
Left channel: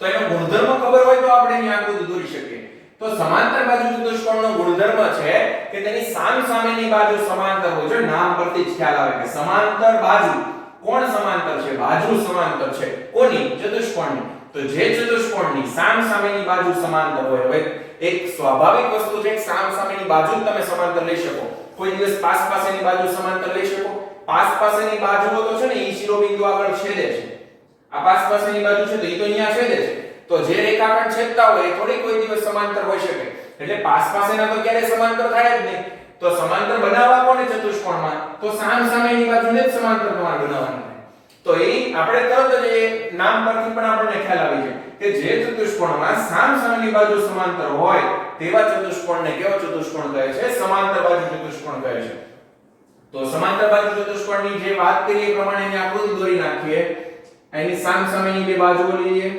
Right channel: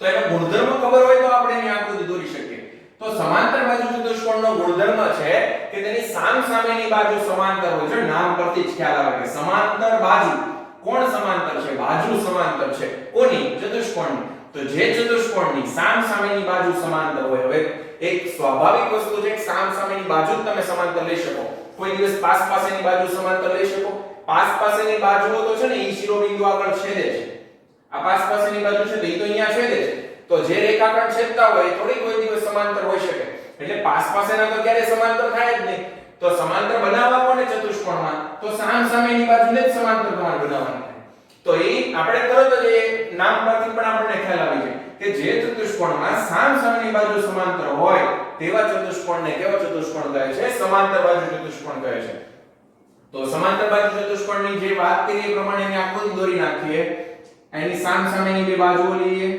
તો એનો ગુણધર્મ ખબર હોય તો આપણે એની આકૃતિ દોરી શકીએ. તો સમાંતર બાજુ ચતુષ્કોણનો ગુણધર્મ છે કે તેની સામસામેની બાજુ સમાંતર હોય છે. નામ પરથી જ ખ્યાલ આવે કે સમાંતર બાજુ. કોણ સમાંતર છે? બાજુ સમાંતર છે. કોની? ચતુષ્કોણની. તો જે ચતુષ્કોણની સામસામેની બાજુ સમાંતર હોય, હવે એક સ્વાભાવિક વસ્તુ છે કે સામસામેની બાજુ જ તમે સમાંતર લઈ શકો. કોઈ દિવસ પાસ પાસેની બાજુ સમાંતર લઈ શકો? પાસ પાસેની બાજુઓ તો છે ને ઈ શિરોબિંદુ આગળ છેદે છે. આ પાસ પાસેની બાજુ છે તો ઈ તો અહીંયા છેદે છે. તો જે રેખાખંડ છેદતા હોય એ થોડી કોઈ દિવસ સમાંતર હોઈ શકે. એટલે પાસ પાસેના તો ક્યારે સમાંતર થાય જ નહીં. તો સમાંતર બનાવવા કોને ચતુષ્કોણમાં? તો સામસામેની બાજુને જ સમાંતર તમારે બનાવવાનું થાય. તો એ આપણે તરત જ એ નામ પરથી પણ આપણને ખ્યાલ આવી જાય કે જે ચતુષ્કોણમાં સામસામેની બાજુ સમાંતર હોય તેવા ચતુષ્કોણને કેવો ચતુષ્કોણ કહે છે? સમાંતર બાજુ ચતુષ્કોણ કહે છે. તો સમાંતર બાજુ ચતુષ્કોણની જે વાત કરી એ પ્રમાણે એની આકૃતિ દોરી નાખીએ. એની સામસામેની બે બાજુઓ લઈએ.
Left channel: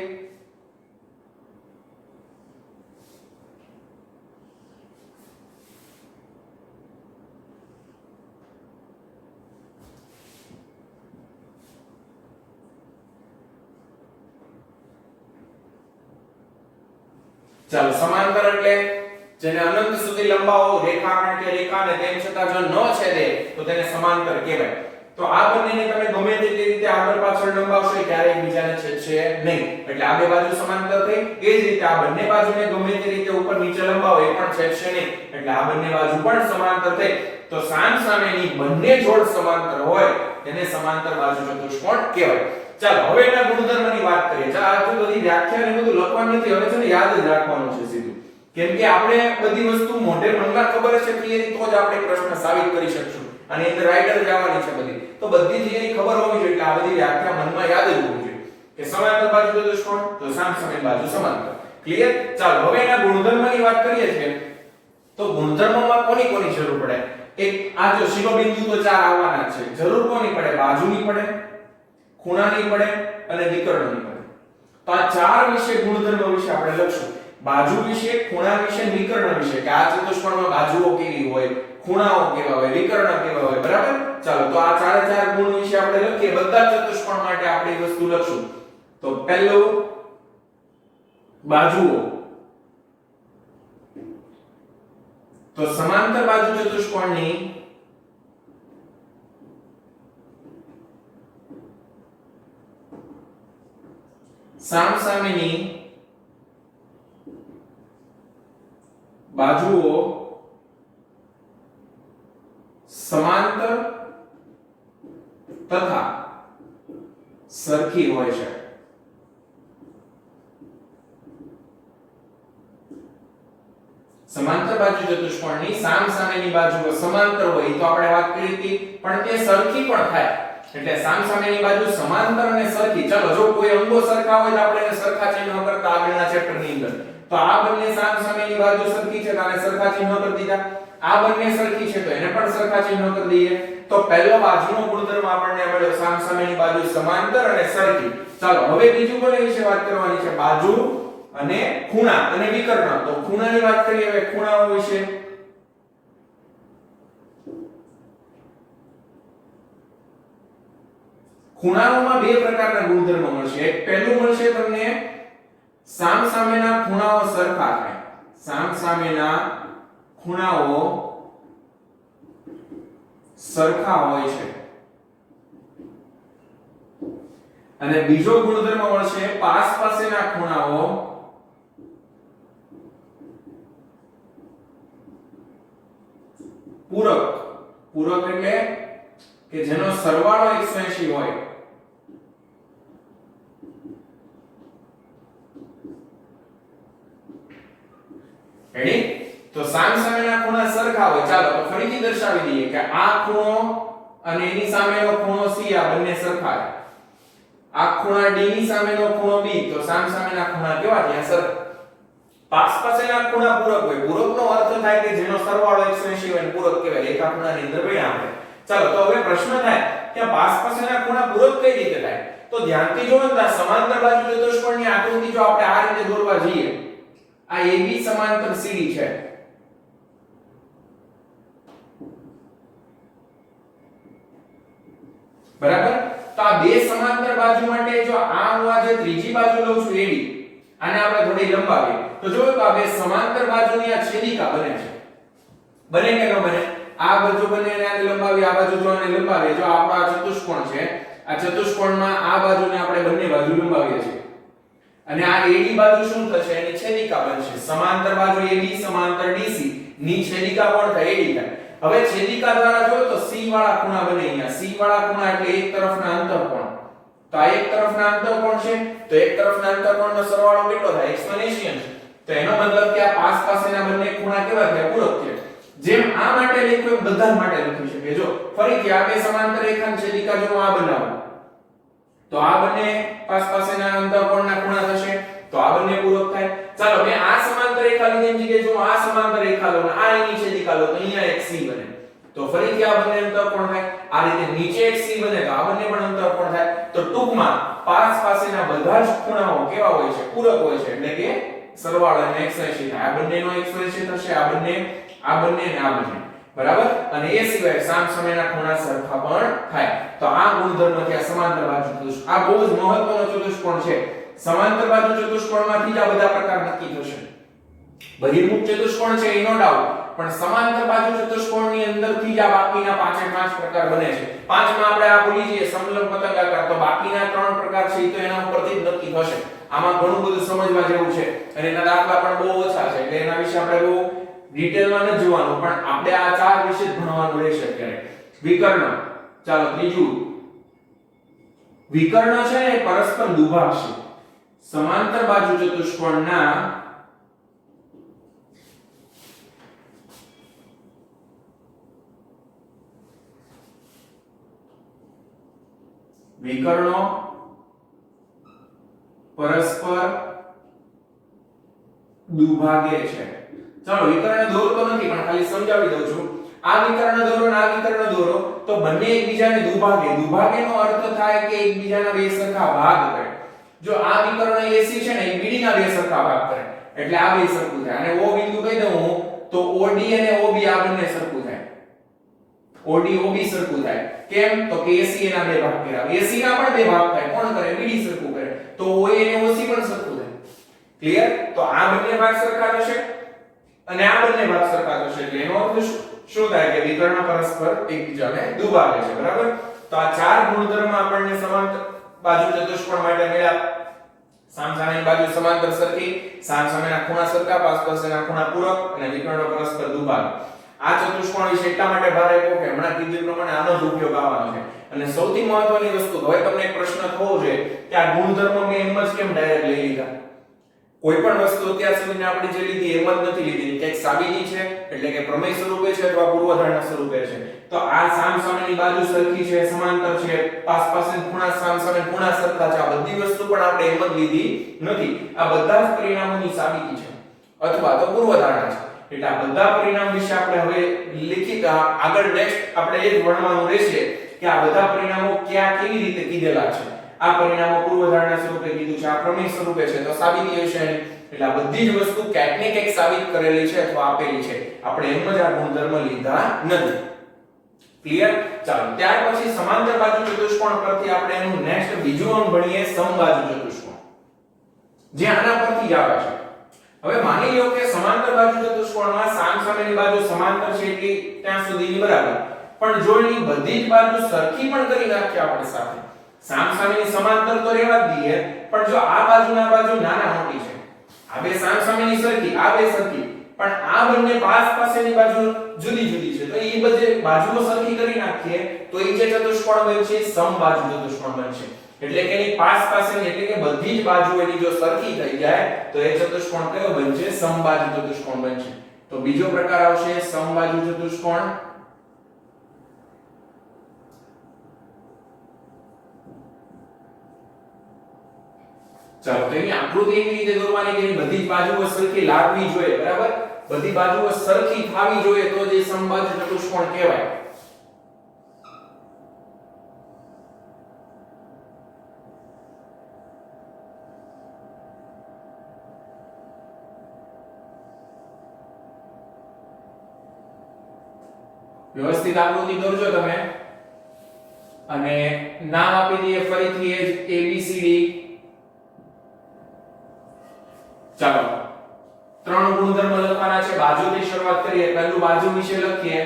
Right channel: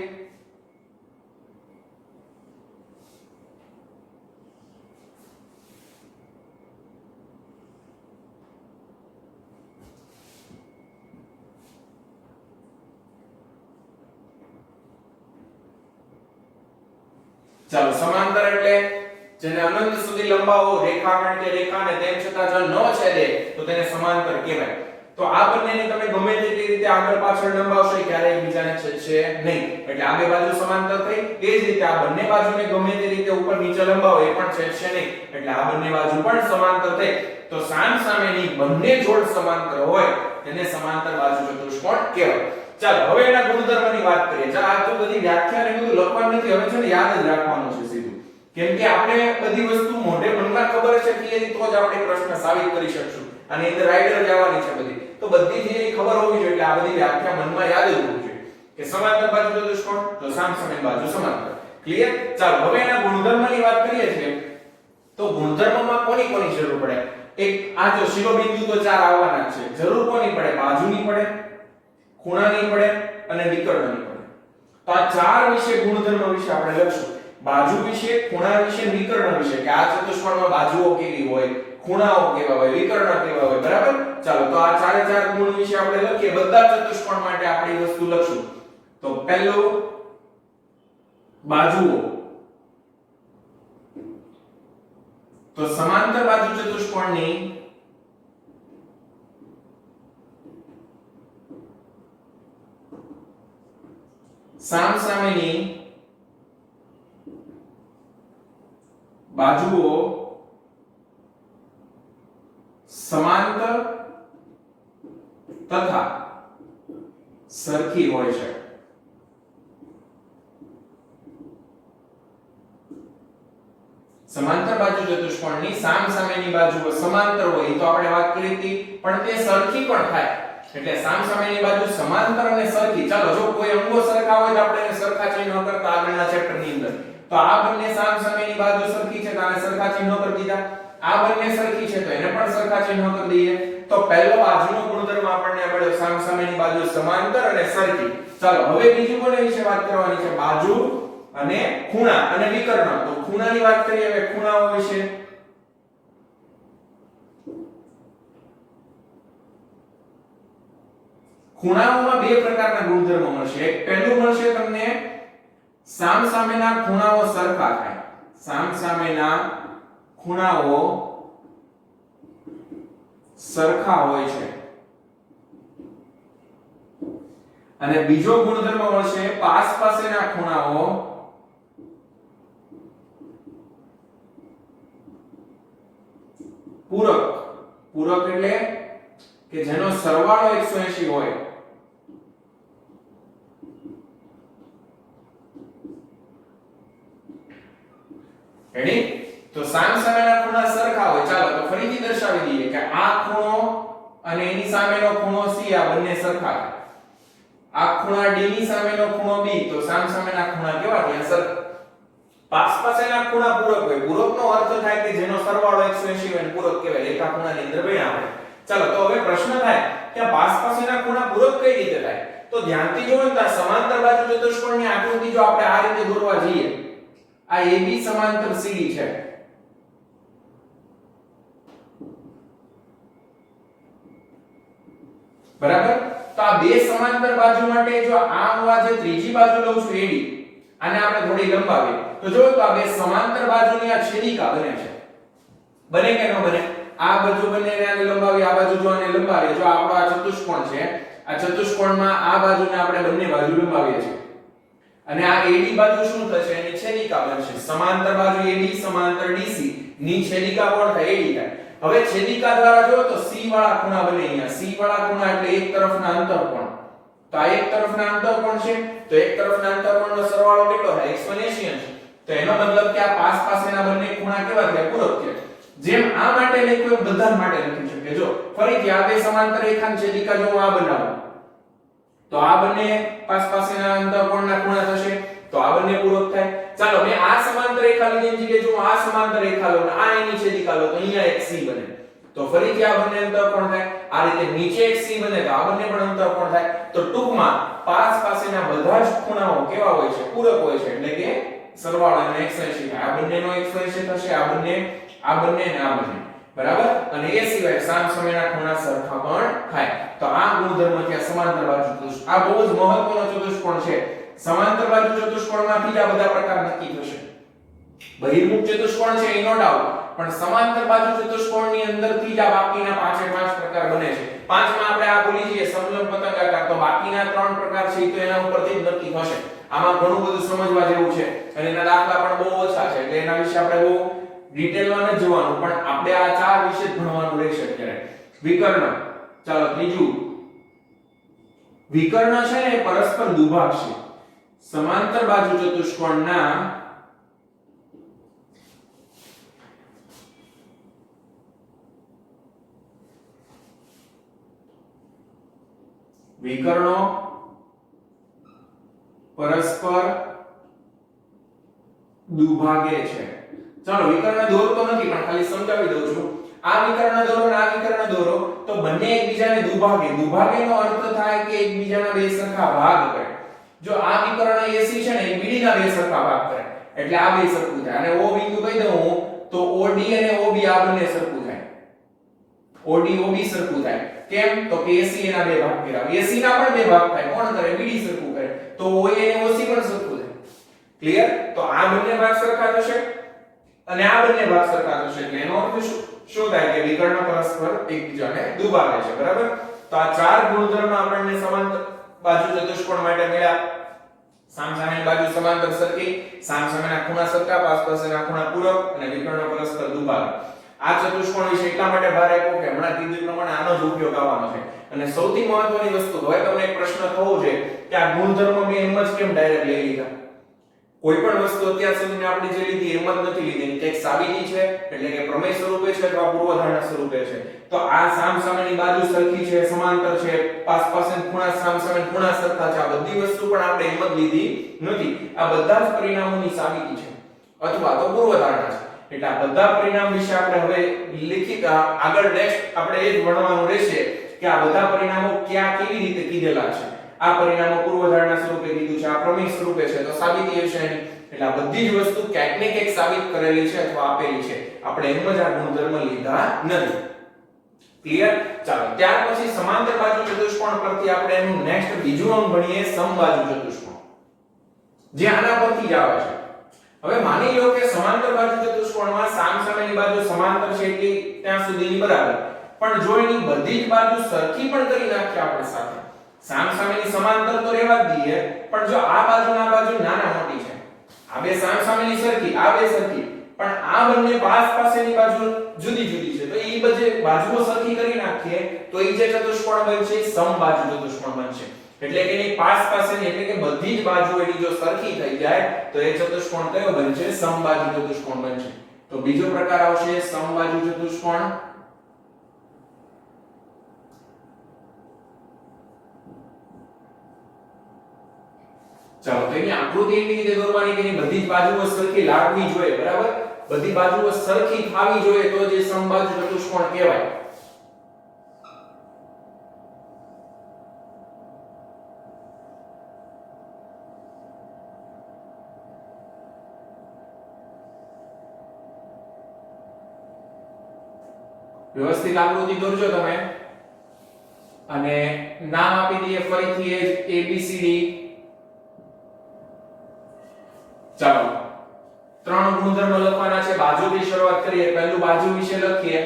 ચાલો, સમાંતર એટલે જેને અનંત સુધી લંબાવો રેખાખંડ કે રેખાને તેમ છતાં જો ન છેદે તો તેને સમાંતર કહેવાય. તો આ બંનેને તમે ગમે તેટલી રીતે આગળ પાછળ લંબાવશો ક્યારેય એકબીજાને છેદશે નહીં. એટલે આ બે બાજુ સમાંતર થઈ. એ જ રીતે આ બંને બાજુને ગમે તે રીતે ઉપર નીચે લંબાવો એ પણ છેદશે નહીં. એટલે આ બંને બાજુ પણ સમાંતર થઈ. તો સામસામેની બંને જોડ સમાંતર હોય તેને સમાંતર બાજુ ચતુષ્કોણ કહેવાય. ચાલો હવે એના ગુણધર્મની વાત કરીએ. ચાલો આ તો બધી વ્યાખ્યા ને બધું લખવાનું નથી, હવે છે ને યાદ જ રાખવાનું છે સીધું. કેમ કે આપણે બધી વસ્તુ મોઢે મનમાં ખબર છે થિયરી તો જ આપણે પ્રશ્ન સાબિત કરી શકશું. અને અંદર રાઈટર જ આવવાની છે બધી. તો બધી થિયરી ખબર હોવી જોઈએ. એટલે આ બધી વ્યાખ્યા મનમાં યાદ જ હોવી જોઈએ કે સમાંતર બાજુ ચતુષ્કોણ તો સામસામેની બાજુ સમાંતર. ક્લિયર? ચાલો હવે એના ગુણધર્મની વાત કરીએ છીએ. તો ગુણધર્મમાં કોની કોની જરૂર પડે? એક આ જો શિરોબિંદુ તો ચાર આવવાના છે. જરૂર કોની પડે? બાજુની પડે, ખૂણાની પડે અને વિકર્ણની પડે. વિશે ગુણધર્મ વિશે આપણે લખશું. બાજુ વિશે, ખૂણા વિશે, વિકર્ણ વિશે કે આ ચતુષ્કોણમાં બાજુઓ કેવી હોય, ખૂણાઓ કેવા હોય, વિકર્ણ કેવા હોય. બરાબર? ચાલો તો આ ચારે ચાર ગુણ વિશે આપણે લખીએ. બધા ચતુષ્કોણ માટે આપણે એ વસ્તુ લખશું. તો પહેલું બાજુઓ. તો સમાંતર બાજુ ચતુષ્કોણની સામસામેની બાજુઓ સમાંતર તથા સરખી હોય છે. સમાંતર બાજુ ચતુષ્કોણની સામસામેની બાજુઓ સમાંતર હોય તો આપણે વાત કરી હતી, પણ તે સરખી પણ થાય. એટલે સામસામેની બાજુ સમાંતર અને સરખી. ચાલો જો કોઈ અંગો સરખા હોય તો આપણે એને સરખા ચિહ્ન કરતા આગળના ચેપ્ટર ની અંદર. તો આ બંને સામસામેની બાજુ સરખી છે તો આને સરખા ચિહ્ન કરી દીધા. આ બંને સરખી છે તો એને પણ સરખા ચિહ્ન કરી દઈએ. તો પહેલો બાજુનો ગુણધર્મ આપણને મળ્યો સામસામેની બાજુ સમાંતર અને સરખી. ચાલો હવે બીજું કોને વિશે વાત કરવાની છે? બાજુ અને ખૂણા અને વિકર્ણ. તો ખૂણાની વાત કરીએ હવે ખૂણાઓ વિશે. ખૂણાઓમાં બે પ્રકારના ગુણધર્મો મળશે. એક પહેલું મળશે તમને સામસામેના ખૂણાઓ સરખા થાય. સામસામેના ખૂણાઓ સરખા હોય છે. અને બીજો ગુણધર્મ મળશે પાસ પાસેના ખૂણાઓ પૂરક. પૂરક એટલે કે જેનો સરવાળો 180 હોય. રેડી? તો સામસામેના ખૂણા સરખા હોય. ચાલો તો ફરીથી દર્શાવી દઈએ કે આ ખૂણો અને એની સામેનો ખૂણો C આ બંને સરખા છે. આ ખૂણા D ની સામેનો ખૂણો B તો સામસામેના ખૂણા કેવા થયા? સરખા. પાસ પાસેના ખૂણા પૂરક હોય. પૂરકનો અર્થ થાય કે જેનો સરવાળો 180 હોય ને પૂરક કહેવાય. એકા ખૂણાની અંદર ભણ્યા આપણે. ચાલો તો હવે પ્રશ્ન થાય કે પાસ પાસેના ખૂણા પૂરક કઈ રીતે થાય? તો ધ્યાનથી જોવો તો સમાંતર બાજુ ચતુષ્કોણની આકૃતિ જો આપણે આ રીતે દોરવા જઈએ, આ AB સમાંતર CD છે. બરાબર? તો આ બે સમાંતર બાજુ માટે જો આ હું આ જે ત્રીજી બાજુ લઉં છું AB, આને આપણે થોડી લંબાવીએ તો જો તો આ બે સમાંતર બાજુની આ છેદિકા બને છે. બને કે ન બને? આ બાજુ બને અને આને લંબાવીએ, આ બાજુ જો આને લંબાવીએ. જો આપણો આ ચતુષ્કોણ છે, આ ચતુષ્કોણમાં આ બાજુને આપણે બંને બાજુ લંબાવીએ છીએ. અને આ AD બાજુ શું થશે? એની છેદિકા બનશે. સમાંતર બાજુ AD સમાંતર DC ની છેદિકા કોણ થાય? AD થાય. હવે છેદિકા દ્વારા જો તો C વાળા ખૂણા બને. અહીંયા C વાળા ખૂણા એટલે એક તરફના અંતઃકોણ. તો આ એક તરફના અંતઃકોણ છે તો એક તરફના અંતઃકોણનો સરવાળો કેટલો થાય? 180 છે. તો એનો મતલબ કે આ પાસ પાસેના બંને ખૂણા કેવા થયા? પૂરક થયા. જેમ આ માટે લખ્યું બધા માટે લખી શકે. જો ફરીથી આ બે સમાંતર રેખાની છેદિકા જો આ બનાવું તો આ બંને પાસ પાસેના અંતઃકોણના ખૂણા થશે તો આ બંને પૂરક થાય. ચાલો મેં આ સમાંતર રેખા લીધી જગ્યાએ જો આ સમાંતર રેખા લો અને આ એની છેદિકા લો તો અહીંયા એક C બને. તો ફરીથી આ બંને અંતઃકોણ થાય. આ રીતે નીચે એક C બને તો આ બંને પણ અંતઃકોણ થાય. તો ટૂંકમાં પાસ પાસેના બધા જ ખૂણાઓ કેવા હોય છે? પૂરક હોય છે. એટલે કે સરવાળો 180 થાય. આ બંનેનો 180 થશે, આ બંને ને આ બંને. બરાબર? અને એ સિવાય સામસામેના ખૂણા સરખા પણ થાય. તો આ ગુણધર્મ છે સમાંતર બાજુ ચતુષ્કોણ. આ બહુ જ મહત્વનો ચતુષ્કોણ છે. સમાંતર બાજુ ચતુષ્કોણમાંથી જ આ બધા પ્રકાર નક્કી થશે. બહિર્મુખ ચતુષ્કોણ છે નો ડાઉટ, પણ સમાંતર બાજુ ચતુષ્કોણની અંદરથી જ આ બાકીના 5 પ્રકાર બને છે. પાંચમાં આપણે આ ભૂલી જઈએ સમલંબ પતંગાકાર, તો બાકીના 3 પ્રકાર છે તો એના ઉપરથી જ નક્કી થશે. આમાં ઘણું બધું સમજવા જેવું છે અને એના દાખલા પણ બહુ ઓછા છે એટલે એના વિશે આપણે બહુ ડિટેલમાં ન જોવાનું, પણ આપણે આ ચાર વિશે જ ભણવાનું રહેશે અત્યારે. વિકર્ણ. ચાલો ત્રીજું વિકર્ણ છે ને પરસ્પર દુભાગ છે. સમાંતર બાજુ ચતુષ્કોણના વિકર્ણો પરસ્પર દુભાગે છે. ચાલો વિકર્ણ દોરતો નથી પણ ખાલી સમજાવી દઉં છું. આ વિકર્ણ દોરો અને આ વિકર્ણ દોરો તો બંને એકબીજાને દુભાગે. દુભાગેનો અર્થ થાય કે એકબીજાના બે સરખા ભાગ કરે. જો આ વિકર્ણ AC છે ને એ BD ના બે સરખા ભાગ કરે એટલે આ બે સરખું થાય અને O બિંદુ કહી દઉં હું તો OD અને OB આ બંને સરખું થાય OD OB સરખું થાય કેમ તો કે AC એના બે ભાગ કર્યા AC ના પણ બે ભાગ થાય કોણ કરે BD સરખું કરે તો OA અને OC પણ સરખું થાય ક્લિયર તો આ બંને ભાગ સરખા થશે અને આ બંને ભાગ સરખા થશે એટલે એનો અર્થ શું થાય કે વિકર્ણ પરસ્પર એકબીજાને દુભાગે છે બરાબર તો આ ચાર ગુણધર્મ આપણને સમાંતર બાજુ ચતુષ્કોણ માટે મળ્યા સામસામેની બાજુ સમાંતર સરખી સામસામેના ખૂણા સરખા પાસપાસના ખૂણા પૂરક અને વિકર્ણ પરસ્પર દુભાગે આ ચતુષ્કોણ વિશે એટલા માટે ભાર આપ્યો કે હમણાં કીધું પ્રમાણે આનો જ ઉપયોગ આવવાનો છે અને સૌથી મહત્વની વસ્તુ હવે તમને એક પ્રશ્ન થવો જોઈએ કે આ ગુણધર્મ મેં એમ જ કેમ ડાયરેક્ટ લઈ લીધા કોઈ પણ વસ્તુ અત્યાર સુધીની આપણે જે લીધી એમ જ નથી લીધી કે સાબિતી છે એટલે કે પ્રમેય સ્વરૂપે છે અથવા પૂર્વધારણા સ્વરૂપે છે તો આ સામસામેની બાજુ સરખી છે સમાંતર છે પાસપાસના ખૂણા સામસામે ખૂણા સરખા છે આ બધી વસ્તુ પણ આપણે એમ જ લીધી નથી આ બધા જ પરિણામોની સાબિતી છે અથવા તો પૂર્વધારણા છે એટલે આ બધા પરિણામ વિશે આપણે હવે લિખિત આગળ નેક્સ્ટ આપણે એ જ ભણવાનું રહેશે કે આ બધા પરિણામો ક્યાં કેવી રીતે કીધેલા છે આ પરિણામો પૂર્વધારણા સ્વરૂપે કીધું છે આ પ્રમેય સ્વરૂપે છે તો સાબિતી હશે એટલે આ બધી જ વસ્તુ ક્યાંક ને ક્યાંક સાબિત કરેલી છે અથવા આપેલી છે આપણે એમ જ આ ગુણધર્મ લીધા નથી ક્લિયર ચાલો ત્યાર પછી સમાંતર બાજુ ચતુષ્કોણ પરથી આપણે એનું નેક્સ્ટ બીજું અંગ ભણીએ સમબાજુ ચતુષ્કોણ જે આના પરથી જ આવે છે હવે માની લો કે સમાંતર બાજુ ચતુષ્કોણમાં સામસામેની બાજુ સમાંતર છે એટલે ત્યાં સુધીની બરાબર પણ જો એની બધી જ બાજુ સરખી પણ કરી નાખીએ આપણે સાથે સામસામેની સમાંતર તો રહેવા જ દઈએ પણ જો આ બાજુ ના બાજુ નાના મોટી છે આ બે સામસામેની સરખી આ બે સરખી પણ આ બંને પાસની બાજુ જુદી જુદી છે તો એ બધી બાજુઓ સરખી કરી નાખીએ તો એ જે ચતુષ્કોણ બનશે સમબાજુ ચતુષ્કોણ બનશે એટલે કે એની પાસની એટલે કે બધી જ બાજુ એની જો સરખી થઈ જાય તો એ ચતુષ્કોણ કયો બનશે સમબાજુ ચતુષ્કોણ બનશે તો બીજો પ્રકાર આવશે સમબાજુ ચતુષ્કોણ ચાલો તો એની આકૃતિ એવી રીતે દોરવાની કે એની બધી જ બાજુઓ સરખી લાગવી જોઈએ બરાબર બધી બાજુઓ સરખી થવી જોઈએ તો જે સમબાજુ ચતુષ્કોણ કહેવાય વ્યવસ્થિત આકૃતિ દોરજો તમે અને નામ આપી દઈએ ફરીથી એ ABCD ચાલો ત્રણ ગુણધર્મ લખવાના છે બાજુથી શરૂઆત કરીએ પહેલું બાજુ વિશે લખીએ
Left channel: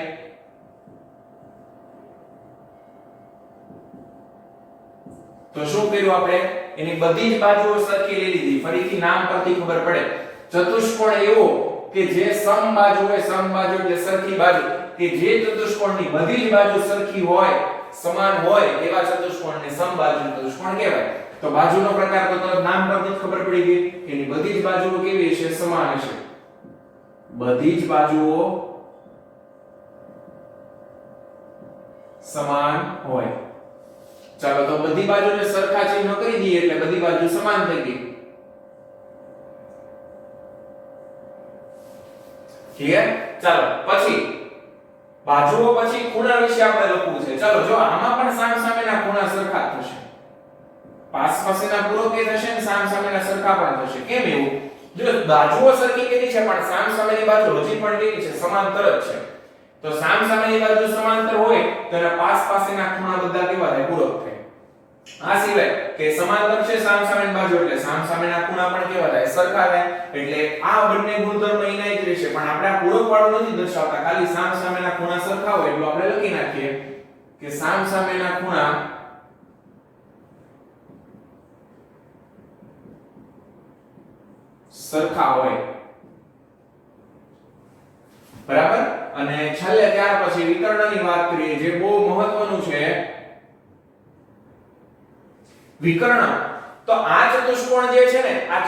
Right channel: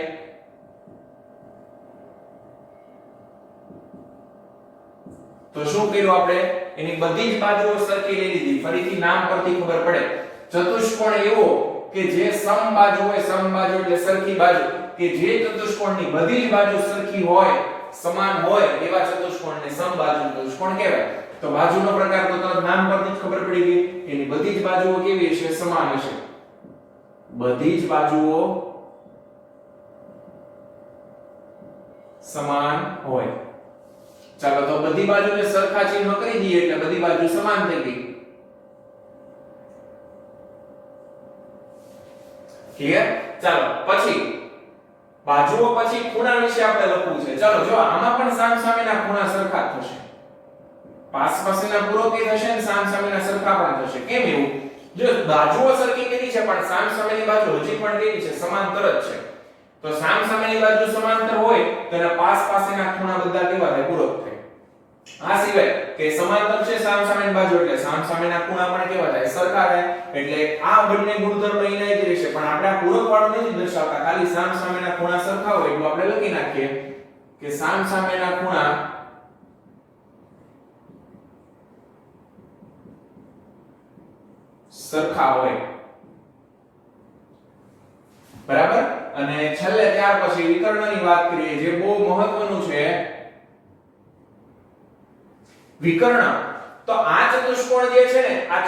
તો શું કર્યું આપણે એની બધી જ બાજુઓ સરખી લઈ લીધી ફરીથી નામ પરથી ખબર પડે ચતુષ્કોણ એવો કે જે સમબાજુ હોય સમબાજુ એટલે સરખી બાજુ કે જે ચતુષ્કોણની બધી જ બાજુ સરખી હોય સમાન હોય એવા ચતુષ્કોણને સમબાજુ ચતુષ્કોણ કહેવાય તો બાજુનો પ્રકાર તો તરત નામ પરથી જ ખબર પડી ગઈ એની બધી જ બાજુઓ કેવી હશે સમાન હશે બધી જ બાજુઓ સમાન હોય ચાલો તો બધી બાજુને સરખા ચિહ્ન કરી દઈએ એટલે બધી બાજુ સમાન થઈ ગઈ ક્લિયર ચાલો પછી બાજુઓ પછી ખૂણા વિશે આપણે લખવું છે ચાલો જો આમાં પણ સામસામેના ખૂણા સરખા થશે પાસપાસના પૂરક એ થશે ને સામસામેના સરખા પણ થશે કેમ એવું જો બાજુઓ સરખી કરી છે પણ સામસામેની બાજુ હજી પણ કેવી છે સમાંતર જ છે તો સામસામેની બાજુ સમાંતર હોય તો એના પાસપાસના ખૂણા બધા કેવા થાય પૂરક થાય આ સિવાય કે સમાંતર છે સામસામેની બાજુ એટલે સામસામેના ખૂણા પણ કેવા થાય સરખા થાય એટલે આ બંને ગુણધર્મ એના જ રહેશે પણ આપણે આ પૂરક વાળું નથી દર્શાવતા ખાલી સામસામેના ખૂણા સરખા હોય એટલું આપણે લખી નાખીએ કે સામસામેના ખૂણા સરખા હોય બરાબર અને છેલ્લે ત્યાર પછી વિકર્ણની વાત કરીએ જે બહુ મહત્વનું છે વિકર્ણ તો આ ચતુષ્કોણ જે છે ને આ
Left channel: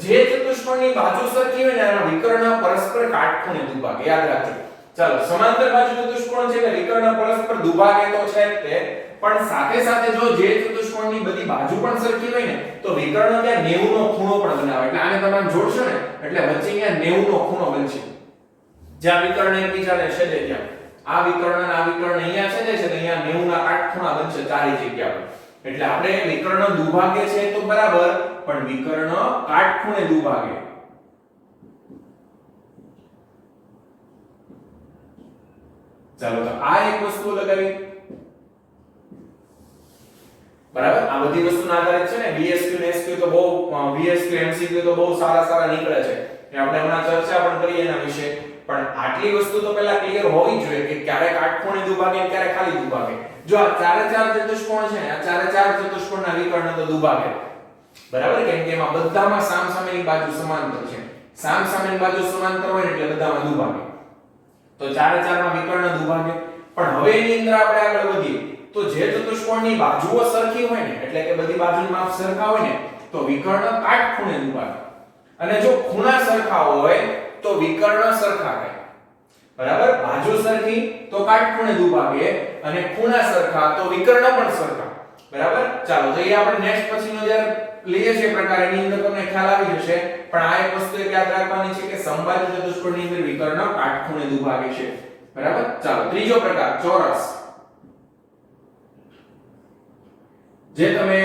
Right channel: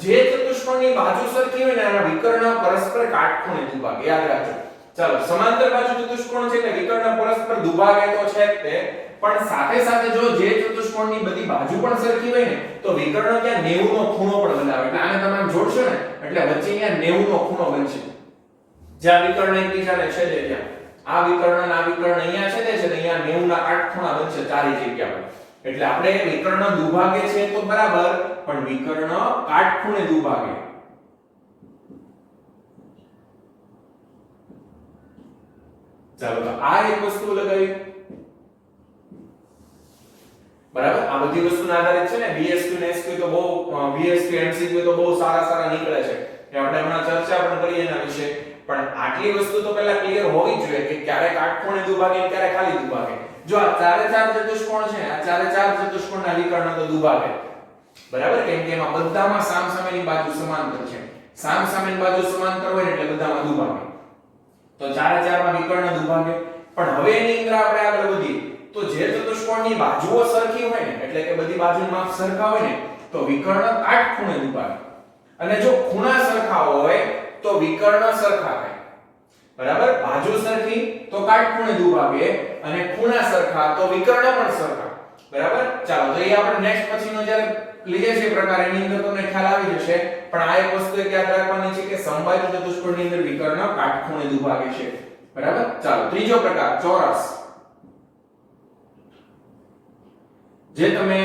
જે ચતુષ્કોણની બાજુ સરખી હોય ને એના વિકર્ણ પરસ્પર કાટખૂણે દુભાગે યાદ રાખજો ચાલો સમાંતર બાજુ ચતુષ્કોણ છે ને વિકર્ણ પરસ્પર દુભાગે તો છે જ તે પણ સાથે સાથે જો જે ચતુષ્કોણની બધી બાજુ પણ સરખી હોય ને તો વિકર્ણ ત્યાં 90 નો ખૂણો પણ બનાવે એટલે આને તમે આમ જોડશો ને એટલે વચ્ચે ત્યાં 90 નો ખૂણો બનશે જ્યાં વિકર્ણ એકબીજાને છેદે ત્યાં આ વિકર્ણ અને આ વિકર્ણ અહીંયા છેદે છે ને અહીંયા 90 ના કાટખૂણા બનશે ચારે જગ્યા પર એટલે આપણે વિકર્ણ દુભાગે છે તો બરાબર, પણ વિકર્ણ કાટખૂણે દુભાગે. ચાલો તો આ એક વસ્તુ લગાવી. બરાબર, આ બધી વસ્તુના આધારિત છે ને VSQ ને SQ તો બહુ VSQ MCQ તો બહુ સારા નીકળે છે. એ આપણે હમણાં ચર્ચા પણ કરીએ એના વિશે. પણ આટલી વસ્તુ તો પહેલા ક્લિયર હોવી જોઈએ કે ક્યારે કાટખૂણે દુભાગે ક્યારે ખાલી દુભાગે. જો આ ચારે ચાર ચતુષ્કોણ છે, આ ચારે ચાર ચતુષ્કોણના વિકર્ણ તો દુભાગે. બરાબર, કેમ કે એમાં બધામાં સામસામેની બાજુ સમાંતર છે. સામસામેની બાજુ સમાંતર હોય એટલે બધામાં દુભાગે. તો ચારે ચારમાં વિકર્ણ દુભાગે. પણ હવે એની અંદર આપણે આગળ વધીએ તો જે ચતુષ્કોણની બાજુઓ સરખી હોય ને, એટલે કે બધી બાજુનું માપ સરખા હોય ને, તો વિકર્ણ કાટખૂણે દુભાગે. અને જો ખૂણા સરખા હોય તો વિકર્ણ સરખા થાય. બરાબર, બાજુ સરખી તો કાટખૂણે દુભાગે અને ખૂણા સરખા તો વિકર્ણ પણ સરખા. બરાબર, ચાલો તો એ આપણે નેક્સ્ટ પછીનો જ્યારે લઈએ છીએ પ્રકાર એની અંદર તમને ખ્યાલ આવી જશે. પણ આ એક વસ્તુ એક યાદ રાખવાની છે કે સમબાજુ ચતુષ્કોણની અંદર વિકર્ણ કાટખૂણે દુભાગે છે. બરાબર, ચાલો ત્રીજો પ્રકાર ચોરસ. જે તમે